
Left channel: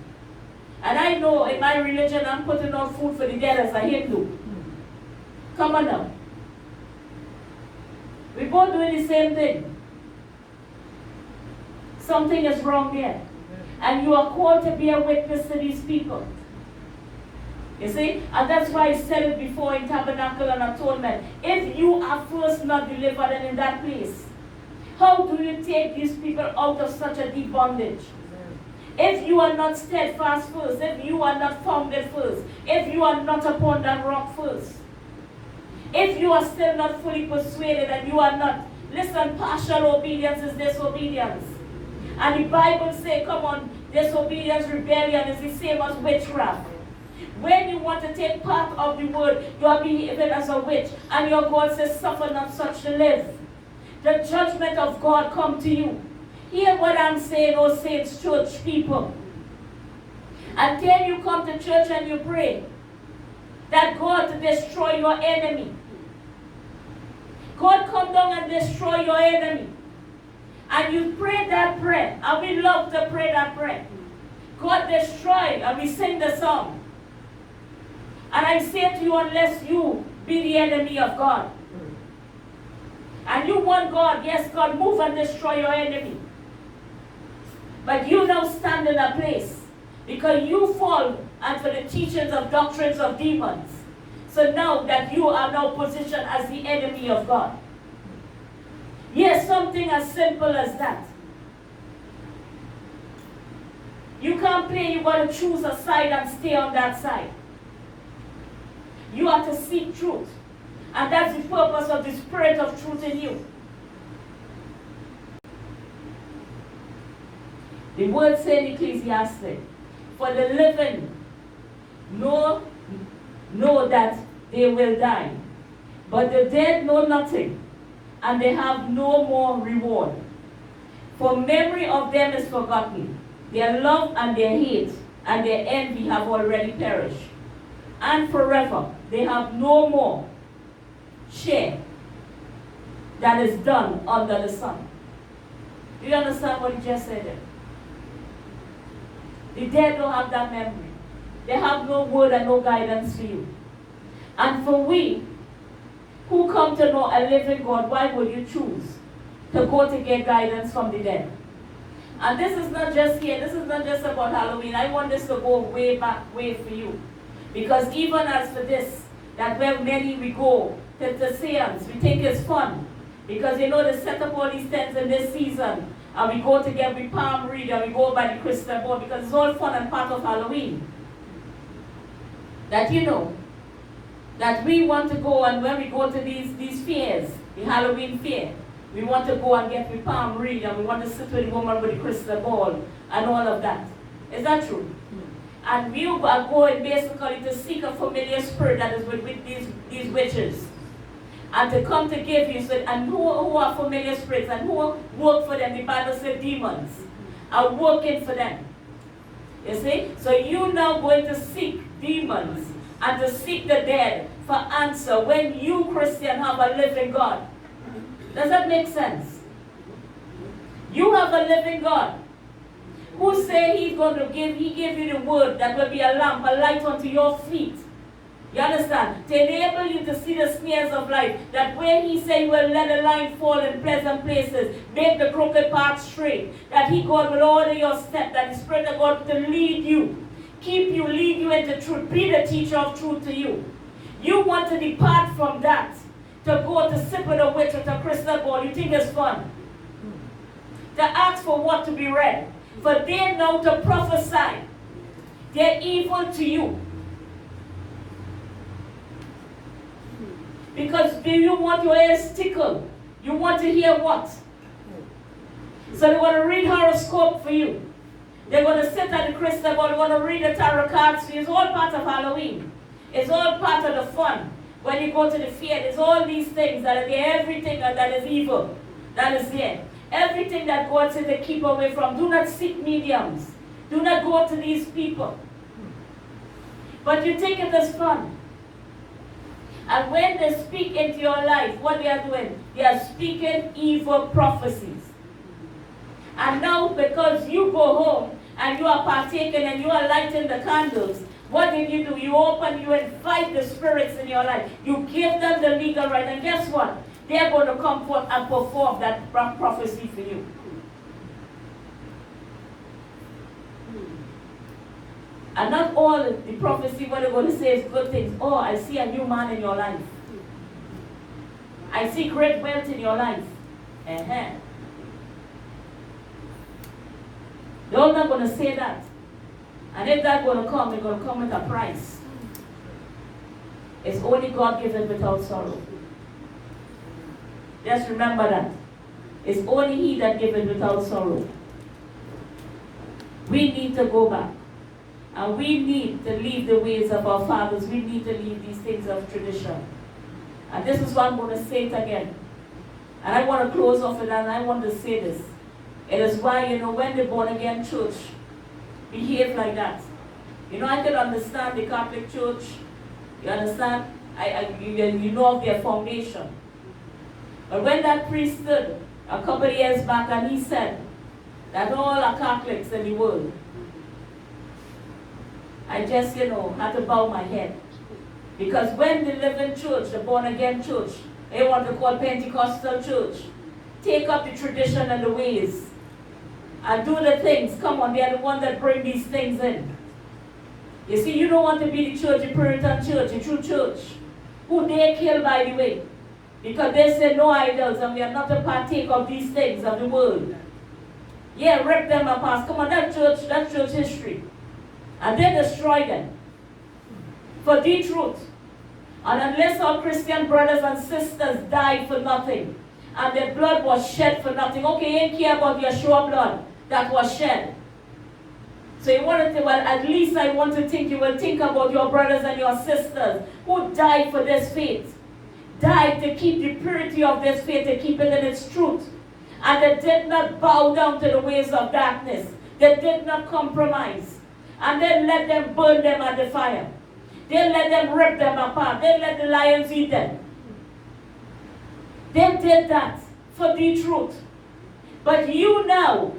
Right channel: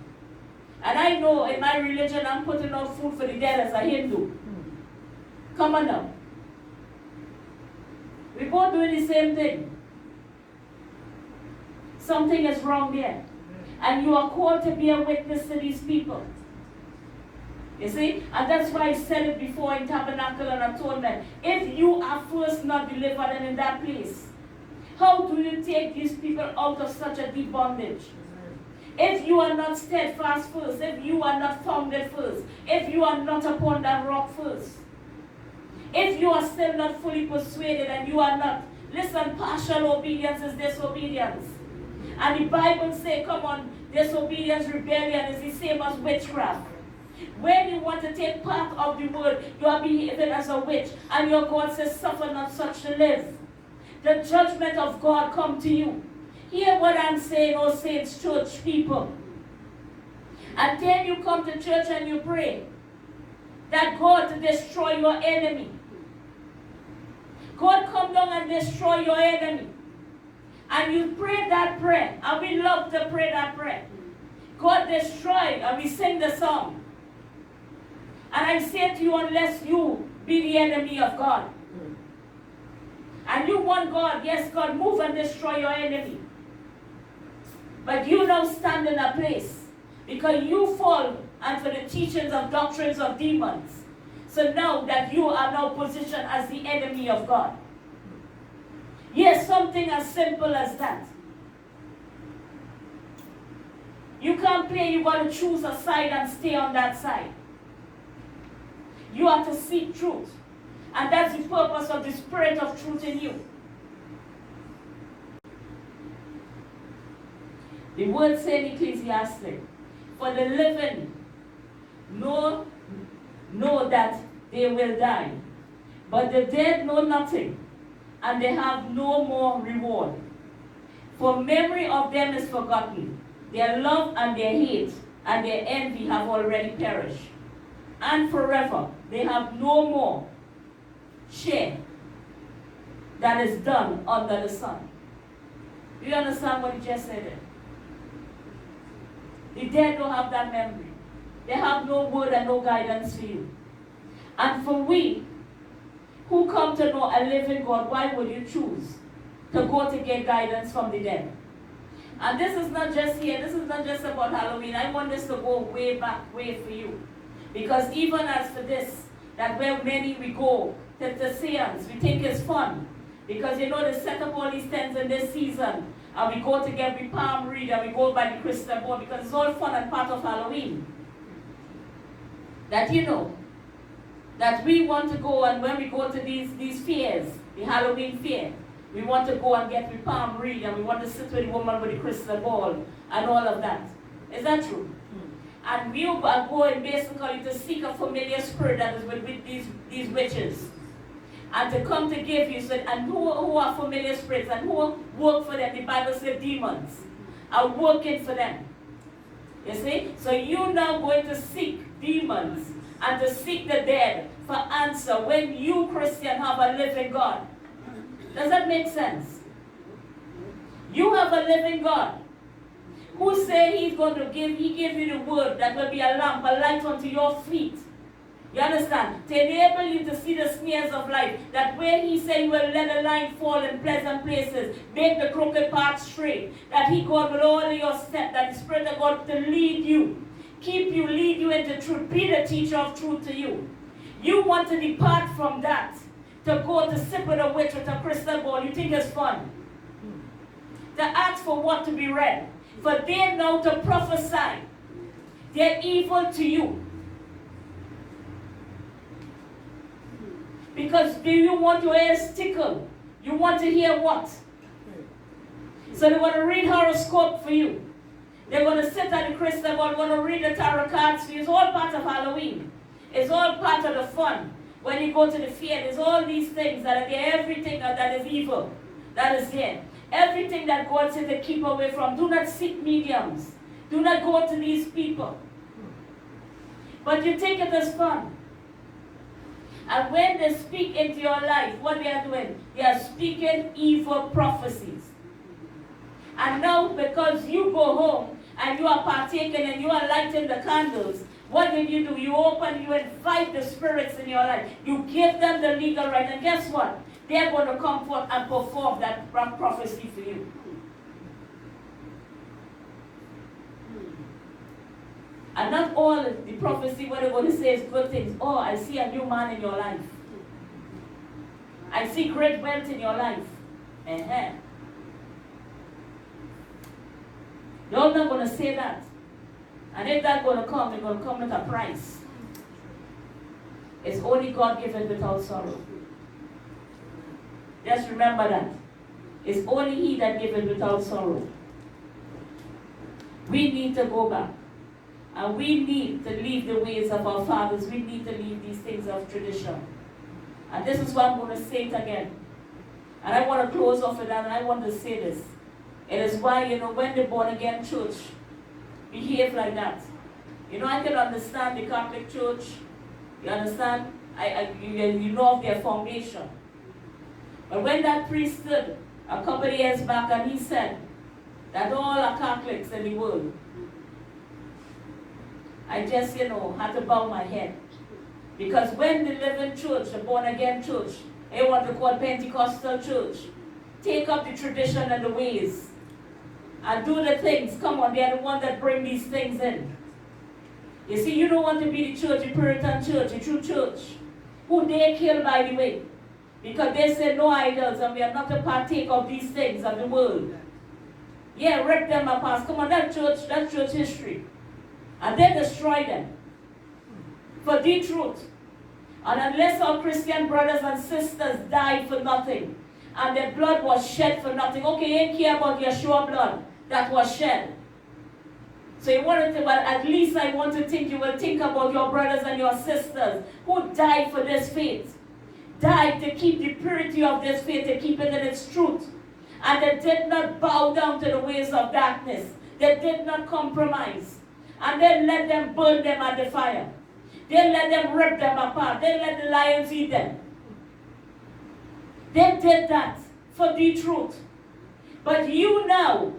and I know in my religion I'm putting out food for the dead as a Hindu. Come on now. We're both doing the same thing. Something is wrong there. And you are called to be a witness to these people. You see? And that's why I said it before in Tabernacle and Atonement. If you are first not delivered and in that place, how do you take these people out of such a deep bondage? If you are not steadfast first, if you are not founded first, if you are not upon that rock first, if you are still not fully persuaded and you are not, listen, partial obedience is disobedience. And the Bible says, come on, disobedience, rebellion is the same as witchcraft. When you want to take part of the word, you are behaving as a witch. And your God says, suffer not such to live. The judgment of God come to you. Hear what I'm saying, oh saints, church people. Until you come to church and you pray that God to destroy your enemy. God come down and destroy your enemy. And you pray that prayer. And we love to pray that prayer. God destroy, and we sing the song. And I say to you, unless you be the enemy of God. And you want God, yes, God, move and destroy your enemy. But you now stand in a place because you fall under the teachings of doctrines of demons. So now that you are now positioned as the enemy of God. Yes, something as simple as that. You can't play, you got to choose a side and stay on that side. You are to seek truth. And that's the purpose of the Spirit of truth in you. The word says in Ecclesiastes, for the living know that they will die, but the dead know nothing, and they have no more reward. For memory of them is forgotten. Their love and their hate and their envy have already perished. And forever they have no more share that is done under the sun. Do you understand what he just said there? The dead don't have that memory. They have no word and no guidance for you. And for we who come to know a living God, why would you choose to go to get guidance from the dead? And this is not just here. This is not just about Halloween. I want this to go way back, way for you. Because even as for this, that where many we go to seance, we think it's fun. Because you know they set up all these tents in this season. And we go together, we palm read, and we go by the crystal ball. Because it's all fun and part of Halloween. That you know, that we want to go, and when we go to these fairs, the Halloween fair, we want to go and get the palm read, and we want to sit with the woman with the crystal ball and all of that. Is that true? And we are going basically to seek a familiar spirit that is with these witches. And to come to give you, so, and who are familiar spirits, and who work for them. The Bible says demons are working for them. You see? So you now going to seek demons and to seek the dead for answer when you, Christian, have a living God. Does that make sense? You have a living God who say he's going to give you the word that will be a lamp, a light unto your feet. You understand? To enable you to see the snares of life. That where he say he will let a line fall in pleasant places, make the crooked path straight. That he, God, will order your step. That the Spirit of God to lead you, keep you, lead you into truth. Be the teacher of truth to you. You want to depart from that, to go to sit with a witch with a crystal ball. You think it's fun? To ask for what to be read. For they know to prophesy. They're evil to you. Because do you want your ears tickled? You want to hear what? So they want to read horoscope for you. They're going to sit at the crystal ball. They're going to read the tarot cards for you. It's all part of Halloween. It's all part of the fun. When you go to the fair, there's all these things that are there. Everything that is evil, that is there. Everything that God says to keep away from. Do not seek mediums. Do not go to these people. But you take it as fun. And when they speak into your life, what they are doing? They are speaking evil prophecies. And now, because you go home and you are partaking and you are lighting the candles, what did you do? You invite the spirits in your life. You give them the legal right. And guess what? They're going to come forth and perform that prophecy for you. And not all the prophecy, what they're going to say is good things. Oh, I see a new man in your life. I see great wealth in your life. They're not going to say that. And if that's going to come, they're going to come with a price. It's only God given without sorrow. Just remember that. It's only He that giveth without sorrow. We need to go back. And we need to leave the ways of our fathers. We need to leave these things of tradition. And this is what I'm going to say it again. And I want to close off with that, and I want to say this. It is why, when the born-again church behave like that. I can understand the Catholic Church. You understand? You know of their foundation. But when that priest stood a couple of years back and he said that all are Catholics in the world, I just, had to bow my head. Because when the living church, the born-again church, they want to call Pentecostal church, take up the tradition and the ways, and do the things, come on, they are the ones that bring these things in. You see, you don't want to be the church, the Puritan church, the true church, who they kill, by the way. Because they say no idols, and we are not to partake of these things of the world. Yeah, rip them apart. Come on, that's church history. And then destroy them for the truth. And unless our Christian brothers and sisters died for nothing, and their blood was shed for nothing, okay, you ain't care about Yeshua blood that was shed. So you wanted to, well, at least I want to think you will think about your brothers and your sisters who died for this faith. Died to keep the purity of this faith, to keep it in its truth. And they did not bow down to the ways of darkness. They did not compromise. And then let them burn them at the fire. They let them rip them apart. They let the lions eat them. They did that for the truth. But you now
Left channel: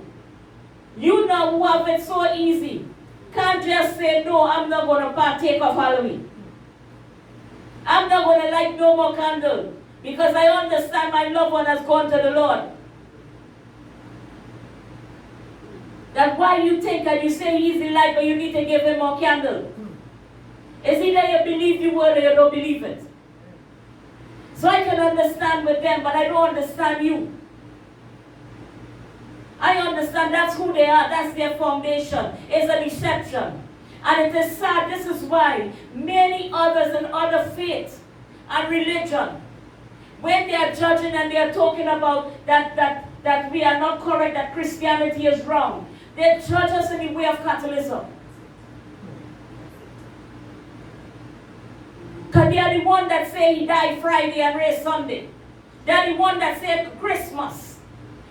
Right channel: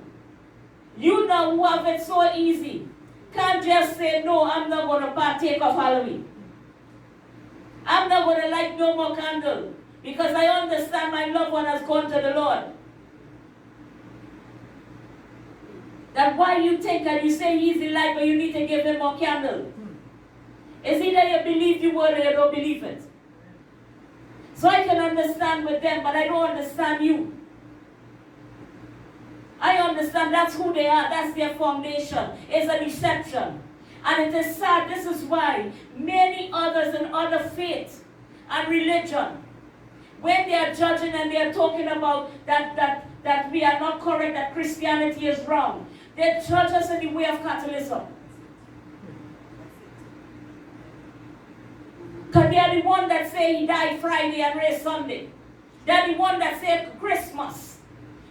who have it so easy, can't just say, no, I'm not going to partake of Halloween. I'm not going to light no more candle because I understand my loved one has gone to the Lord. That's why you think and you say he's in life, but you need to give him more candle. It's either you believe the word or you don't believe it. So I can understand with them, but I don't understand you. I understand that's who they are, that's their foundation. It's a deception. And it is sad, this is why many others in other faiths and religion, when they are judging and they are talking about that we are not correct, that Christianity is wrong, they judge us in the way of Catholicism. Because they are the one that say he died Friday and raised Sunday. They are the one that say Christmas.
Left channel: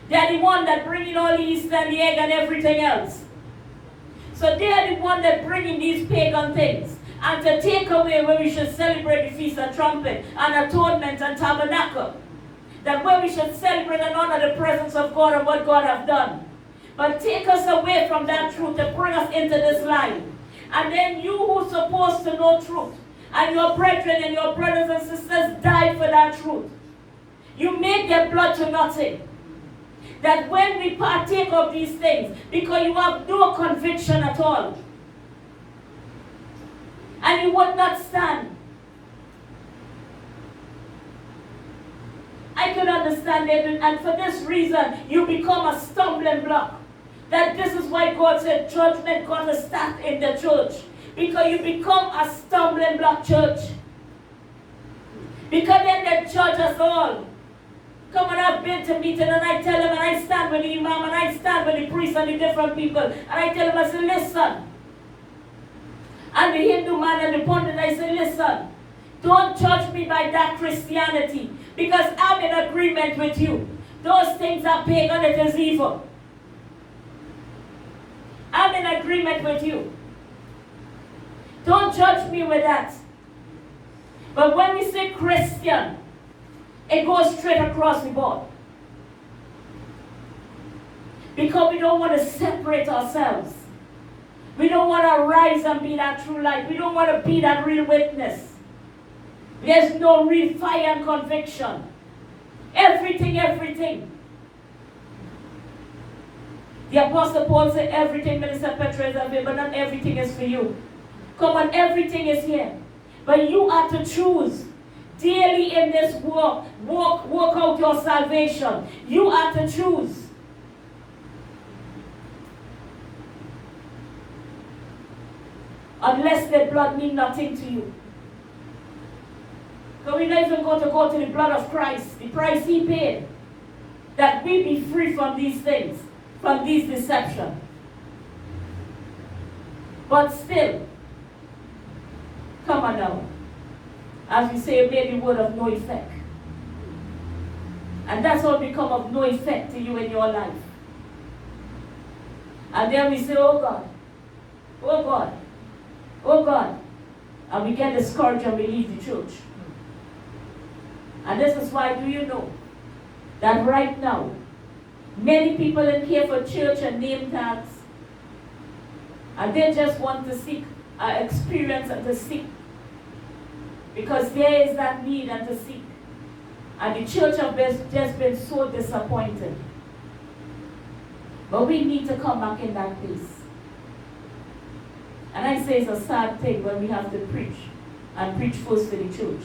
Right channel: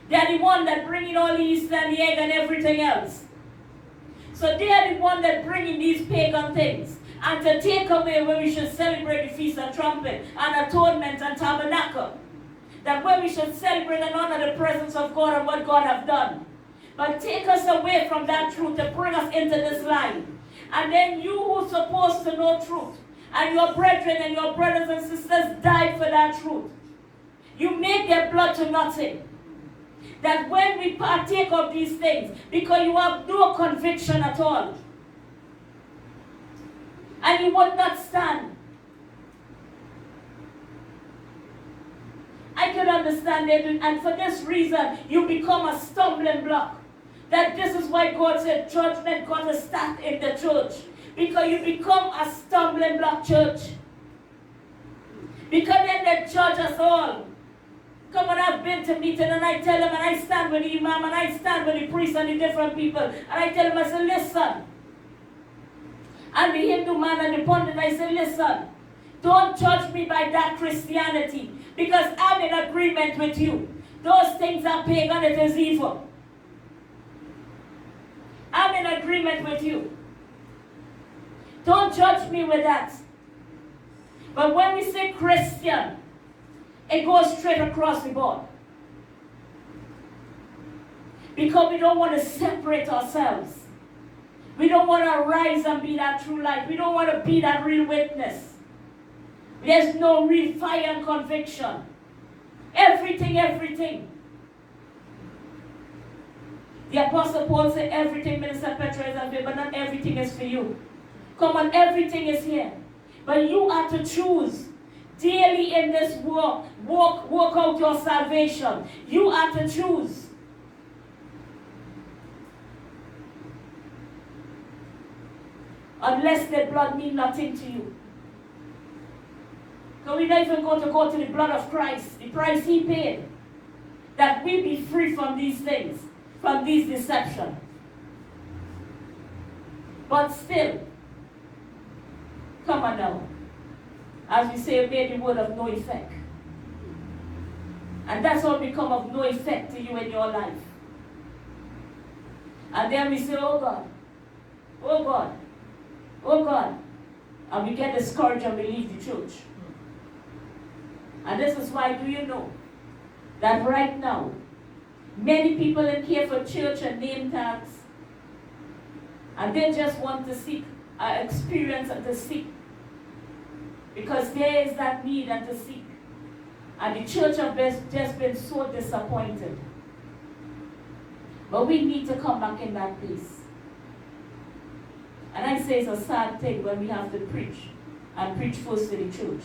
They are the one that bring in all the Easter and the egg and everything else. So they are the one that bring in these pagan things. And to take away where we should celebrate the Feast of Trumpet and Atonement and Tabernacle. That where we should celebrate and honor the presence of God and what God has done. But take us away from that truth to bring us into this line. And then you who's supposed to know truth, and your brethren and your brothers and sisters died for that truth. You make their blood to nothing. That when we partake of these things, because you have no conviction at all, and you would not stand. I can understand it, and for this reason, you become a stumbling block. That this is why God said judgment going to start in the church. Because you become a stumbling block, church. Because then they judge us all. Come on, I've been to meeting and I tell them, and I stand with the imam, and I stand with the priest and the different people, and I tell them, I say, listen. And the Hindu man and the pundit, I say, listen, don't judge me by that Christianity, because I'm in agreement with you. Those things are pagan, it is evil. I'm in agreement with you. Don't judge me with that. But when we say Christian, it goes straight across the board. Because we don't want to separate ourselves. We don't want to rise and be that true light. We don't want to be that real witness. There's no real fire and conviction. Everything. The Apostle Paul said everything, Minister Petra, is available, but not everything is for you. Come on, everything is here. But you are to choose daily in this walk. Walk out your salvation. You are to choose. Unless the blood means nothing to you. Because we're not even going to go to the blood of Christ, the price he paid, that we be free from these things, from these deceptions. But still, come on now. As we say, may the word of no effect. And that's what become of no effect to you in your life. And then we say, oh God, oh God, oh God. And we get discouraged and we leave the church. And this is why, do you know, that right now, many people in here for church and name tags, and they just want to seek experience and to seek. Because there is that need and to seek. And the church has just been so disappointed. But we need to come back in that place. And I say it's a sad thing when we have to preach, and preach first to the church.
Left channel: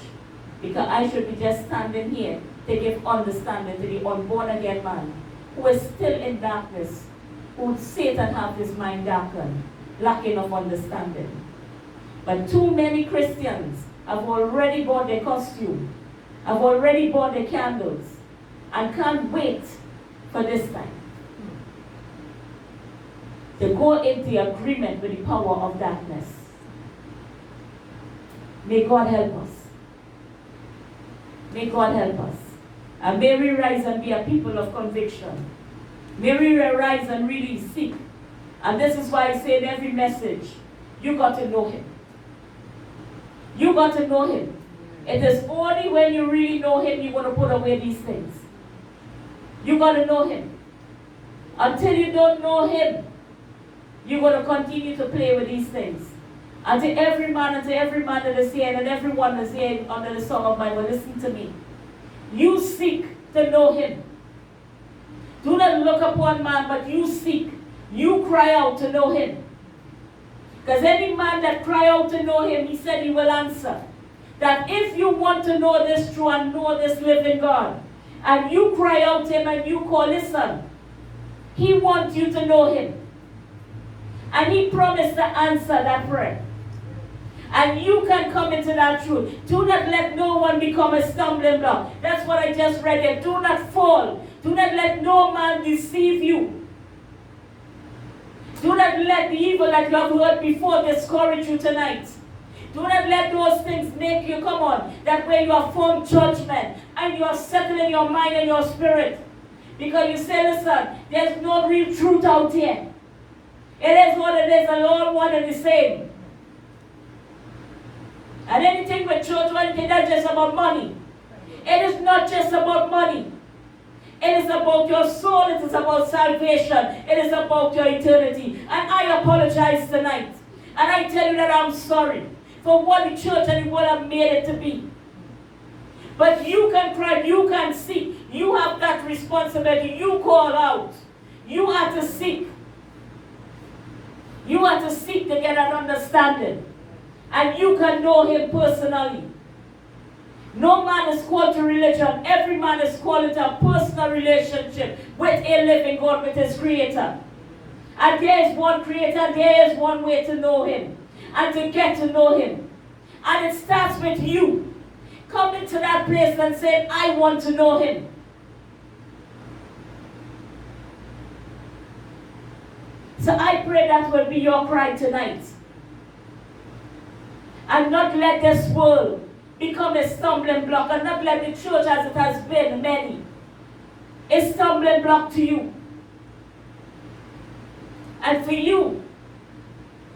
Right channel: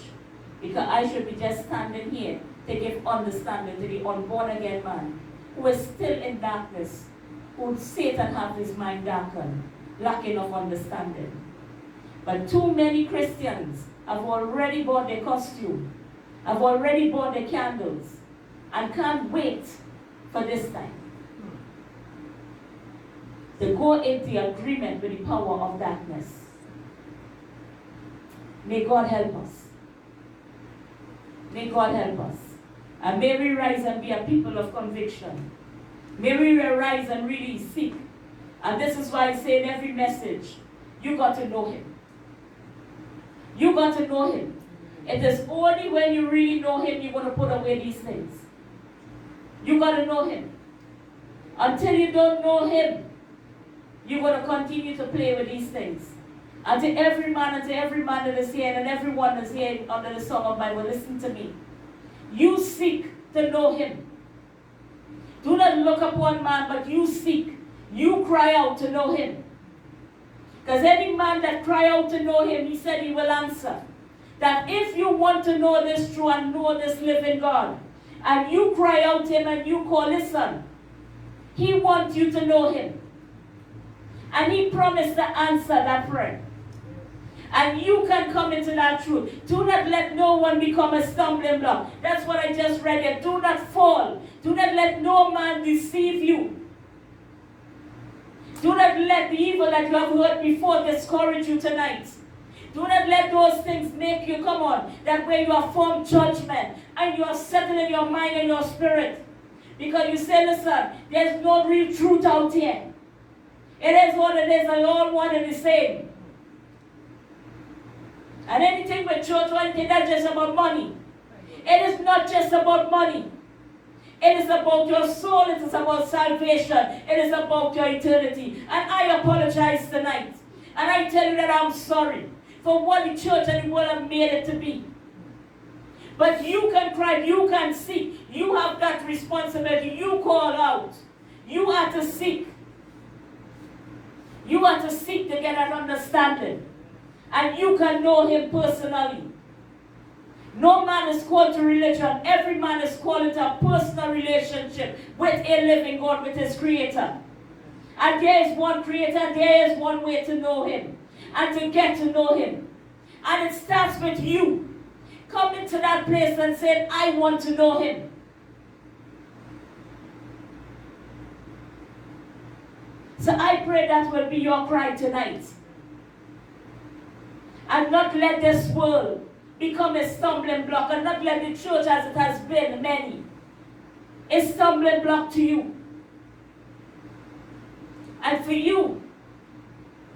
Because I should be just standing here to give understanding to the unborn again man who is still in darkness, who Satan have his mind darkened, lacking of understanding. But too many Christians have already bought their costume, have already bought their candles, and can't wait for this time to go into agreement with the power of darkness. May God help us. May God help us. And may we rise and be a people of conviction. May we rise and really seek. And this is why I say in every message, you got to know him. You got to know him. It is only when you really know him you're going to put away these things. You got to know him. Until you don't know him, you're going to continue to play with these things. And to every man that is here, and everyone that's here under the Song of Bible, listen to me. You seek to know him. Do not look upon man, but you seek. You cry out to know him. Because any man that cry out to know him, he said he will answer. That if you want to know this true and know this living God, and you cry out to him and you call, listen, he wants you to know him. And he promised to answer that prayer. And you can come into that truth. Do not let no one become a stumbling block. That's what I just read here. Do not fall. Do not let no man deceive you. Do not let the evil that you have heard before discourage you tonight. Do not let those things make you, come on, that way you have formed judgment and you are settled in your mind and your spirit. Because you say, listen, there's no real truth out here. It is what it is, and all one and the same. And anything with church or anything, that's just about money. It is not just about money. It is about your soul. It is about salvation. It is about your eternity. And I apologize tonight. And I tell you that I'm sorry for what the church and the world have made it to be. But you can cry, you can seek. You have that responsibility. You call out. You have to seek. You have to seek to get an understanding. And you can know him personally. No man is called to religion. Every man is called to a personal relationship with a living God, with his creator. And there is one creator, there is one way to know him. And to get to know him. And it starts with you. Coming to that place and saying, I want to know him. So I pray that will be your cry tonight. And not let this world become a stumbling block, and not let the church, as it has been many, a stumbling block to you. And for you,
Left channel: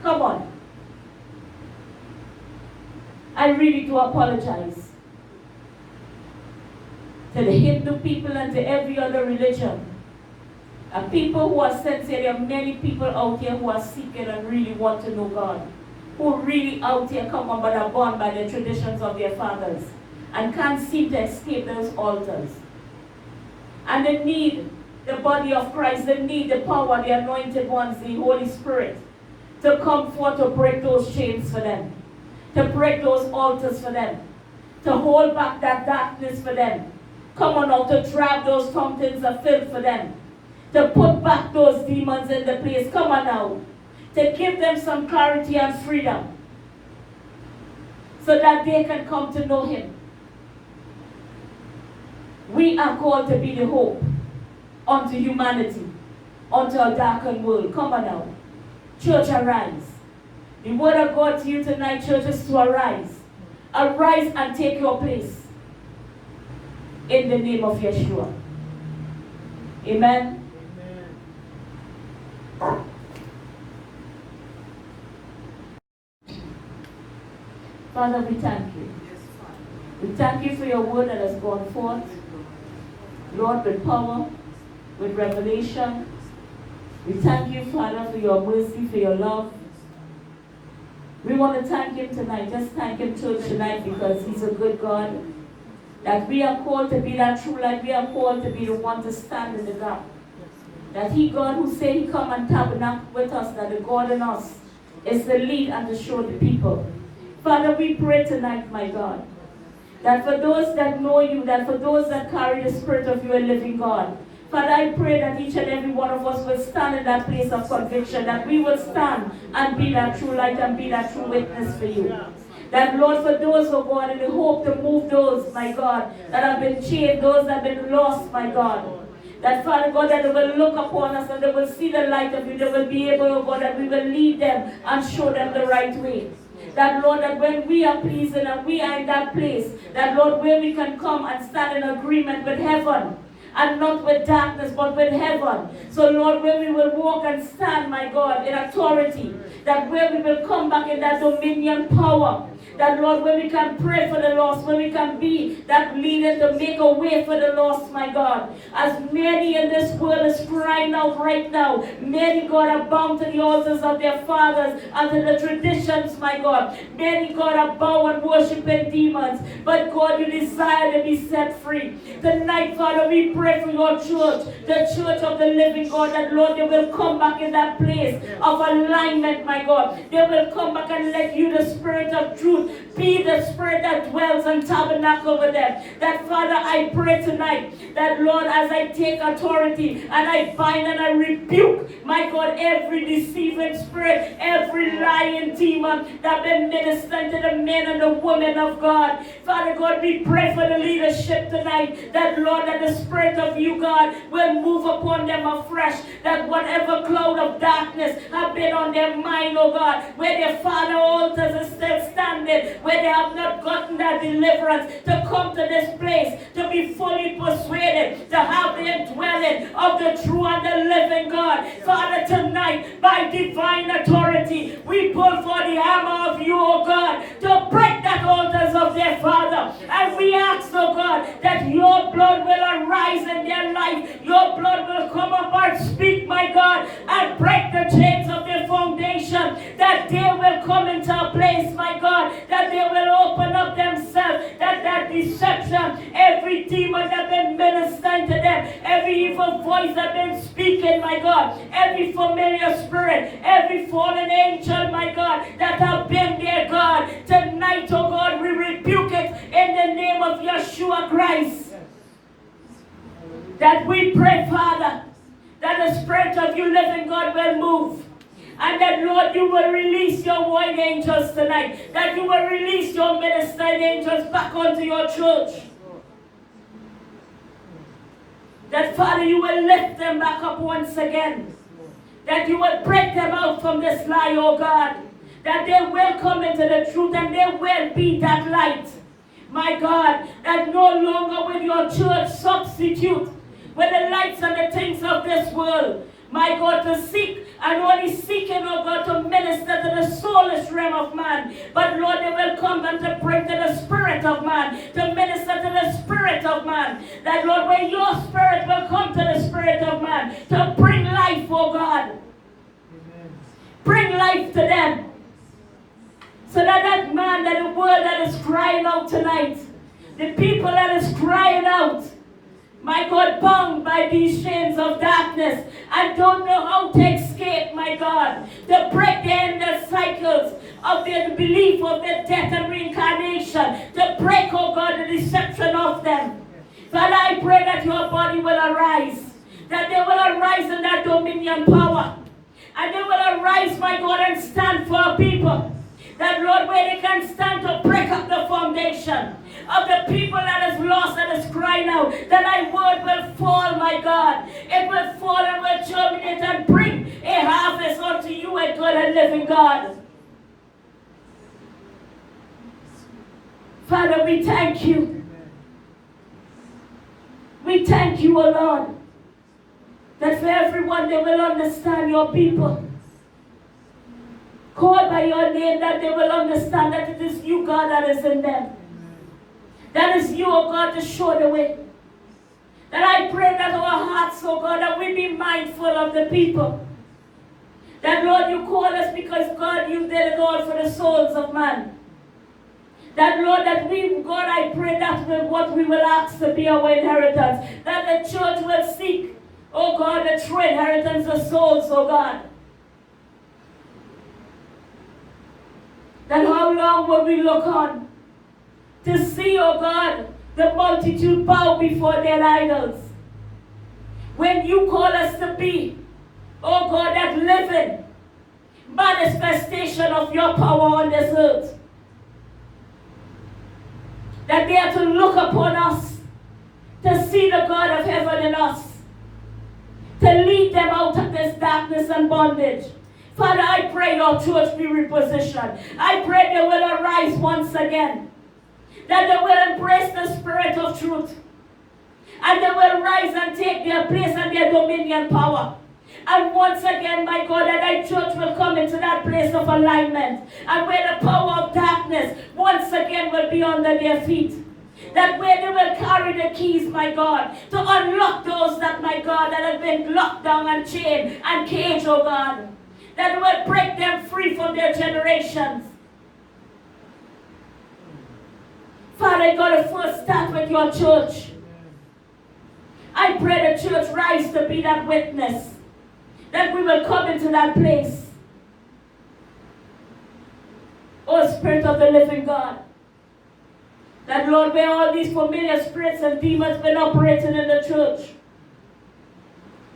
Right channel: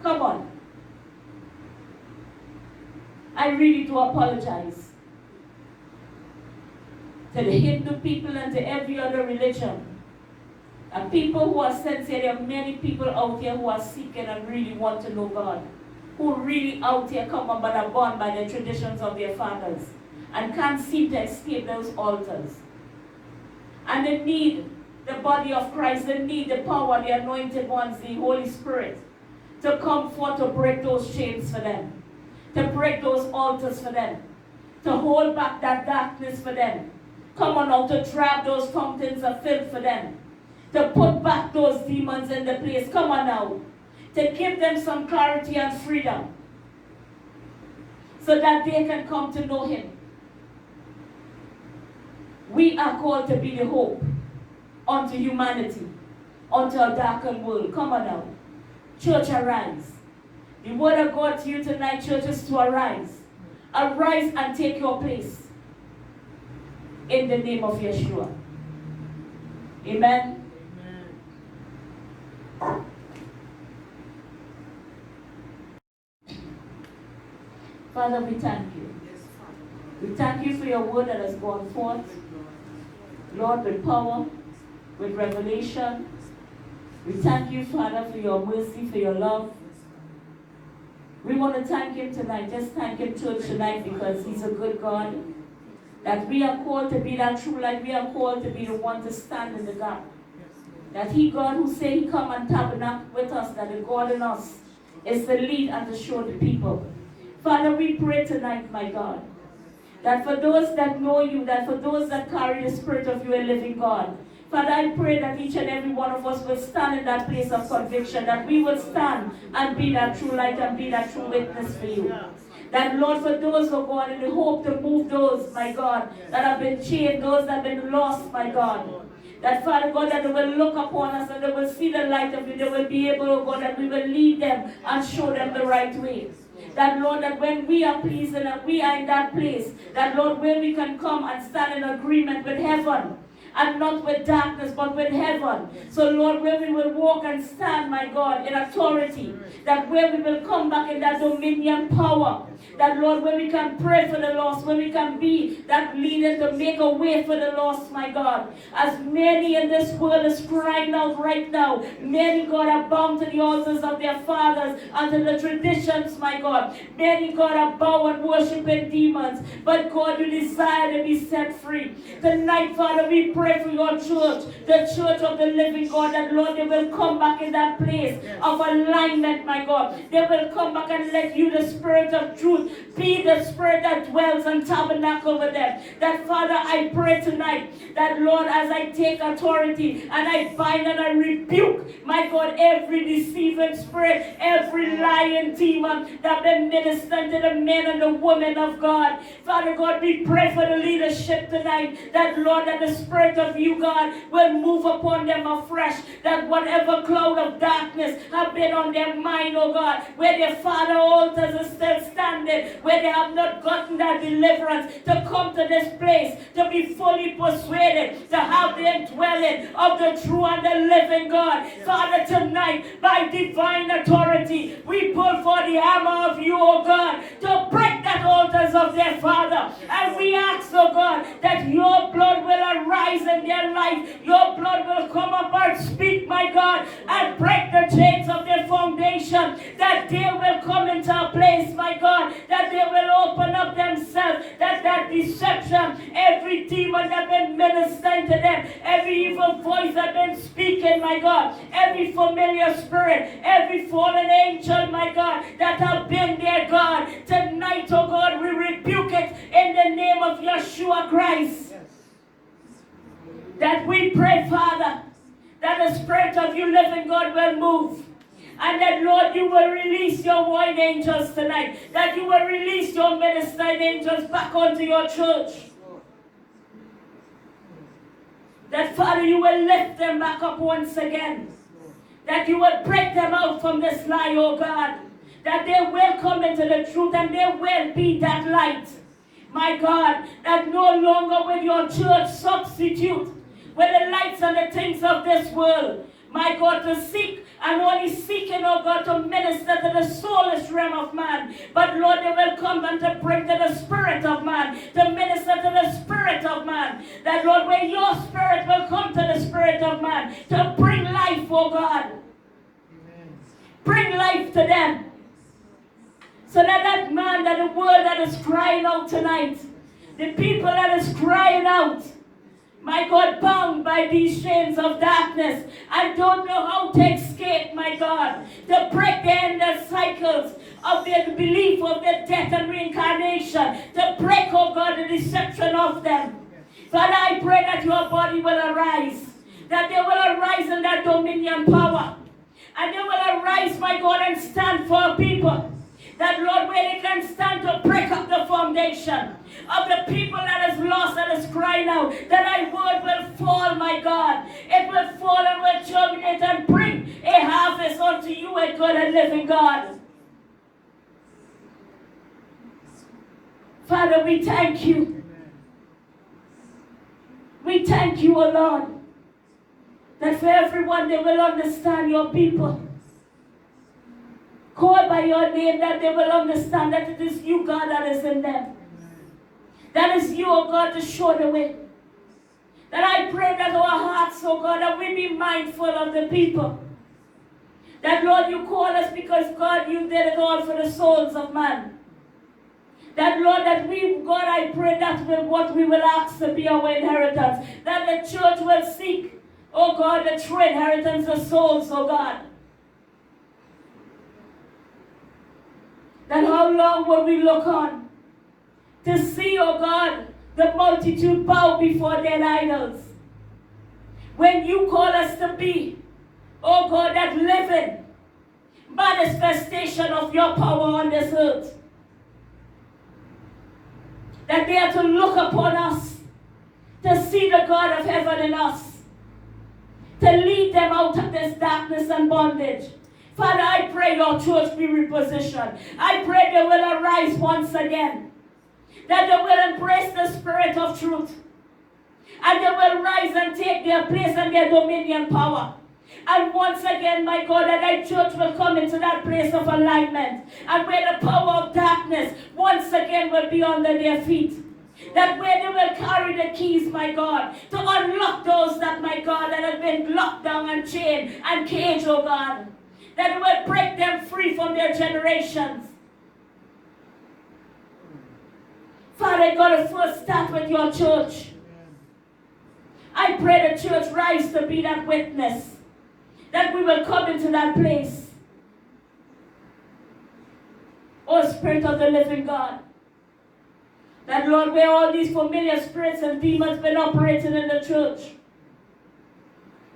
come on, I really do apologize to the Hindu people and to every other religion. And people who are sincere, there are many people out here who are seeking and really want to know God. Who really out here come on but are born by the traditions of their fathers and can't seem to escape those altars. And they need the body of Christ, they need the power, the anointed ones, the Holy Spirit, to come forth to break those chains for them, to break those altars for them, to hold back that darkness for them. Come on now, to drive those fountains of filth for them, to put back those demons in the place. Come on now. To give them some clarity and freedom so that they can come to know him. We are called to be the hope unto humanity, unto a darkened world. Come on now. Church, arise. The word of God to you tonight, church, is to arise. Arise and take your place in the name of Yeshua. Amen. Father, we thank you. We thank you for your word that has gone forth, Lord, with power, with revelation. We thank you, Father, for your mercy, for your love. We want to thank him tonight. Just thank him, church, tonight, because he's a good God. That we are called to be that true light. We are called to be the one to stand in the gap. That he, God, who say he come and tabernacle with us, that the God in us is to lead and to show the people. Father, we pray tonight, my God, that for those that know you, that for those that carry the spirit of you, a living God, Father, I pray that each and every one of us will stand in that place of conviction, that we will stand and be that true light and be that true witness for you. That, Lord, for those, oh God, in the hope to move those, my God, that have been chained, those that have been lost, my God. That, Father God, that they will look upon us and they will see the light of you. They will be able, oh God, that we will lead them and show them the right way. That, Lord, that when we are pleasing and we are in that place, that, Lord, where we can come and stand in agreement with heaven, and not with darkness, but with heaven. So, Lord, where we will walk and stand, my God, in authority, that where we will come back in that dominion power, that, Lord, where we can pray for the lost, where we can be that leader to make a way for the lost, my God. As many in this world is crying out right now, many, God, are bound to the altars of their fathers and to the traditions, my God. Many, God, are bound and worshiping demons, but, God, you desire to be set free. Tonight, Father, we pray for your church, the church of the living God, that, Lord, they will come back in that place of alignment, my God. They will come back and let you, the Spirit of truth, be the Spirit that dwells and tabernacle with them. That, Father, I pray tonight that, Lord, as I take authority and I bind and I rebuke, my God, every deceiving spirit, every lying demon that been ministering to the men and the women of God. Father God, we pray for the leadership tonight, that, Lord, that the Spirit of you, God, will move upon them afresh, that whatever cloud of darkness have been on their mind, oh God, where their father altars are still standing, where they have not gotten that deliverance, to come to this place, to be fully persuaded, to have the indwelling of the true and the living God. Father, tonight, by divine authority, we pull for the hammer of you, oh God, to break that altars of their father. And we ask, oh God, that your blood will arise in their life. Your blood will come up and speak, my God, and break the chains of their foundation, that they will come into a place, my God, that they will open up themselves, that deception, every demon that been ministering to them, every evil voice that been speaking, my God, every familiar spirit, every fallen angel, my God, that have been there, God, tonight, oh God, we rebuke it in the name of Yeshua Christ. That we pray, Father, that the Spirit of you living God will move. And that, Lord, you will release your warring angels tonight. That you will release your ministering angels back onto your church. That, Father, you will lift them back up once again. That you will break them out from this lie, oh God. That they will come into the truth and they will be that light. My God, that no longer will your church substitute with the lights and the things of this world. My God, to seek and only seeking, oh God, to minister to the soulless realm of man. But Lord, they will come and to bring to the spirit of man, to minister to the spirit of man. That, Lord, when your spirit will come to the spirit of man, to bring life, oh God. Amen. Bring life to them. So that man, that the world that is crying out tonight, the people that is crying out, my God, bound by these chains of darkness, I don't know how to escape, my God, to break the endless cycles of their belief of their death and reincarnation, to break, oh God, the deception of them. Father, I pray that your body will arise, that they will arise in that dominion power, and they will arise, my God, and stand for people. That, Lord, where they can stand to break up the foundation of the people that is lost, that is crying out, that thy word will fall, my God. It will fall and will germinate and bring a harvest unto you, a good and living God. Father, we thank you. We thank you, O Lord, that for everyone they will understand your people. Call by your name, that they will understand that it is you, God, that is in them. That is you, oh God, to show the way. That I pray that our hearts, oh God, that we be mindful of the people. That, Lord, you call us because, God, you did it all for the souls of man. That, Lord, that we, God, I pray that will what we will ask to be our inheritance. That the church will seek, oh God, the true inheritance of souls, oh God. That how long will we look on to see, oh God, the multitude bow before their idols? When you call us to be, oh God, that living manifestation of your power on this earth. that they are to look upon us, to see the God of heaven in us, to lead them out of this darkness and bondage. Father, I pray your church be repositioned. I pray they will arise once again, that they will embrace the spirit of truth, and they will rise and take their place and their dominion power. And once again, my God, that thy church will come into that place of alignment, and where the power of darkness once again will be under their feet. That where they will carry the keys, my God, to unlock those that, my God, that have been locked down and chained and caged, oh God. That will break them free from their generations. Father God, to first start with your church. I pray the church rise to be that witness, that we will come into that place. Oh Spirit of the living God, that Lord, where all these familiar spirits and demons been operating in the church.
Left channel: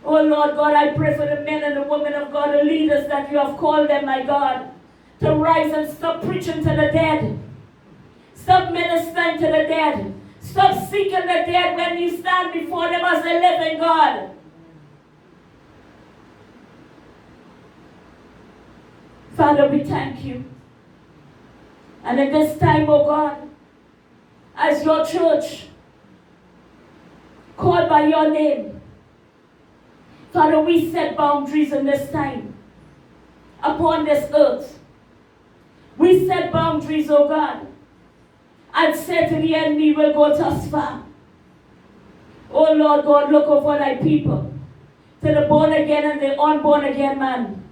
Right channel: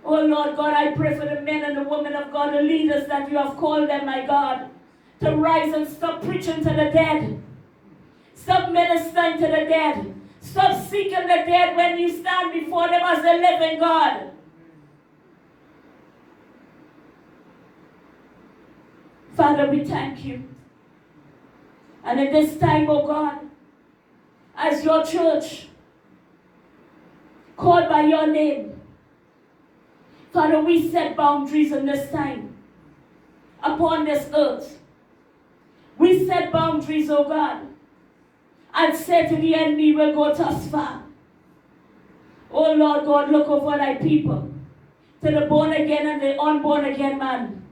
Oh Lord God, I pray for the men and the women of God, the leaders that you have called them, my God, to rise and stop preaching to the dead. Stop ministering to the dead. Stop seeking the dead when you stand before them as the living God. Father, we thank you. And at this time, oh God, as your church, called by your name, Father, we set boundaries in this time upon this earth. We set boundaries, oh God, and say to the enemy, we'll go thus far. Oh Lord God, look over thy people, to the born again and the unborn again man.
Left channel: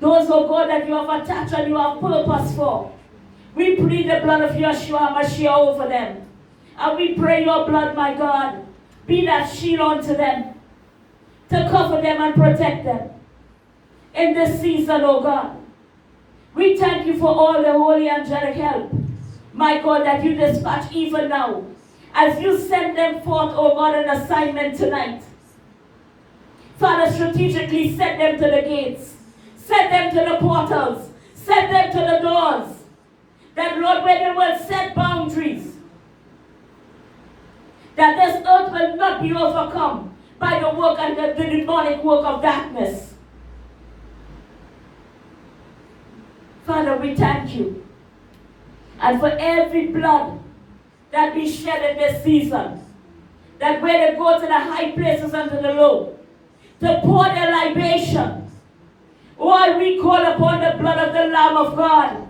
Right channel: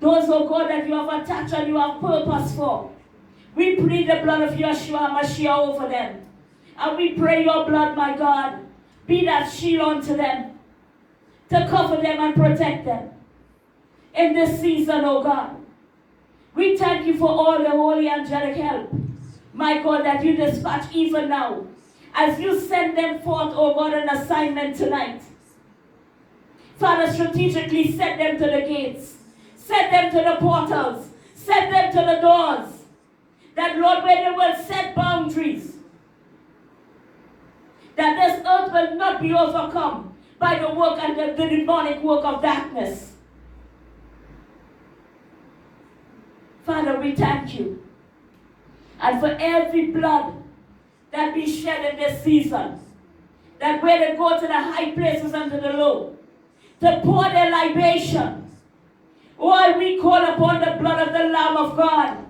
Those, oh God, that you have attached and you have purpose for. We plead the blood of Yeshua Mashiach over them. And we pray your blood, my God, be that shield unto them, to cover them and protect them in this season, oh God. We thank you for all the holy angelic help, my God, that you dispatch even now, as you send them forth, oh God, an assignment tonight. Father, strategically set them to the gates, set them to the portals, set them to the doors, that Lord, where they will set boundaries, that this earth will not be overcome by the work and the demonic work of darkness. Father, we thank you. And for every blood that be shed in this season, that where they go to the high places and to the low, to pour their libation, oh, we call upon the blood of the Lamb of God.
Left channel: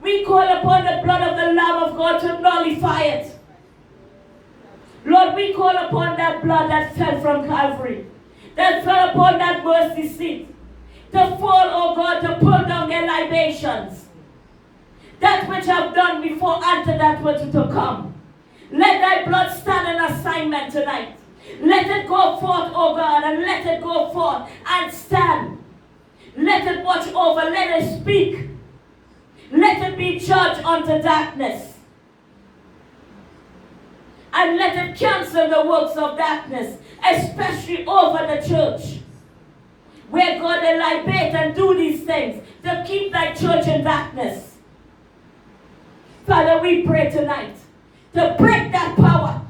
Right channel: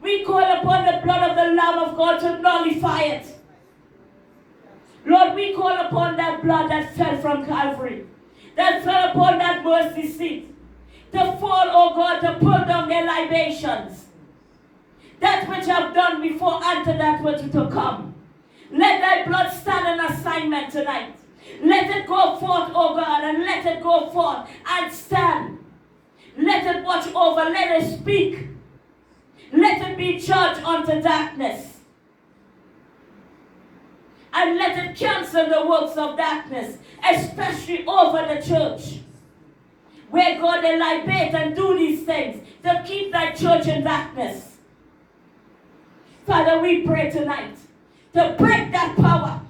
We call upon the blood of the Lamb of God to nullify it. Lord, we call upon that blood that fell from Calvary, that fell upon that mercy seat, to fall, oh God, to pull down their libations. That which I've done before and to that which is to come. Let thy blood stand an assignment tonight. Let it go forth, oh God, and let it go forth and stand. Let it watch over, let it speak. Let it be judged unto darkness. And let it cancel the works of darkness, especially over the church. Where God they libate and do these things to keep thy church in darkness. Father, we pray tonight to break that power,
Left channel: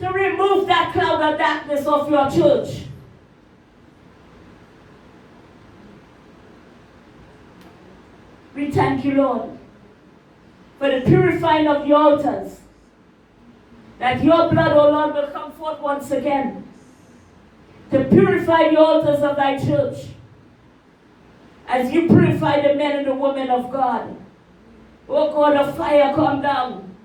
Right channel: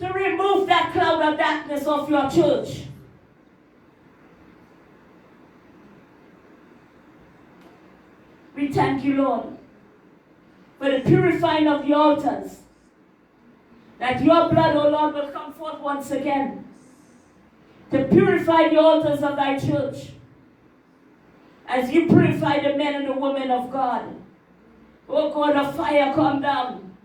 to remove that cloud of darkness off your church. We thank you, Lord, for the purifying of the altars. That your blood, O Lord, will come forth once again to purify the altars of thy church. As you purify the men and the women of God. O God of fire, come down.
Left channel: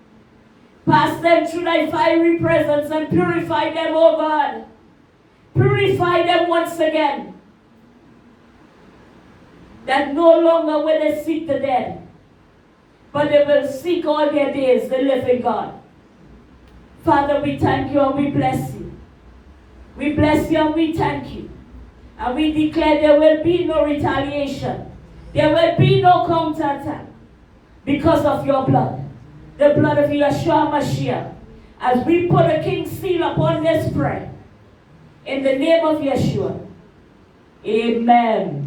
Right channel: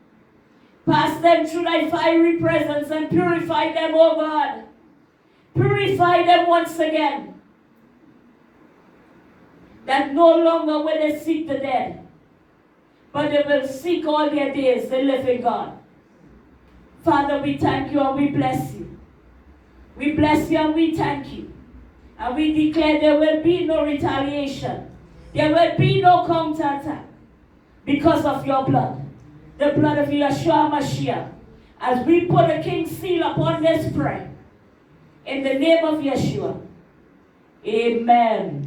Pass them through thy fiery presence and purify them, O God. Purify them once again. That no longer will they seek the dead, but they will seek all their days the living God. Father, we thank you and we bless you. We bless you and we thank you. And we declare there will be no retaliation. There will be no counterattack because of your blood. The blood of Yeshua Mashiach. As we put a king's seal upon this prayer. In the name of Yeshua. Amen.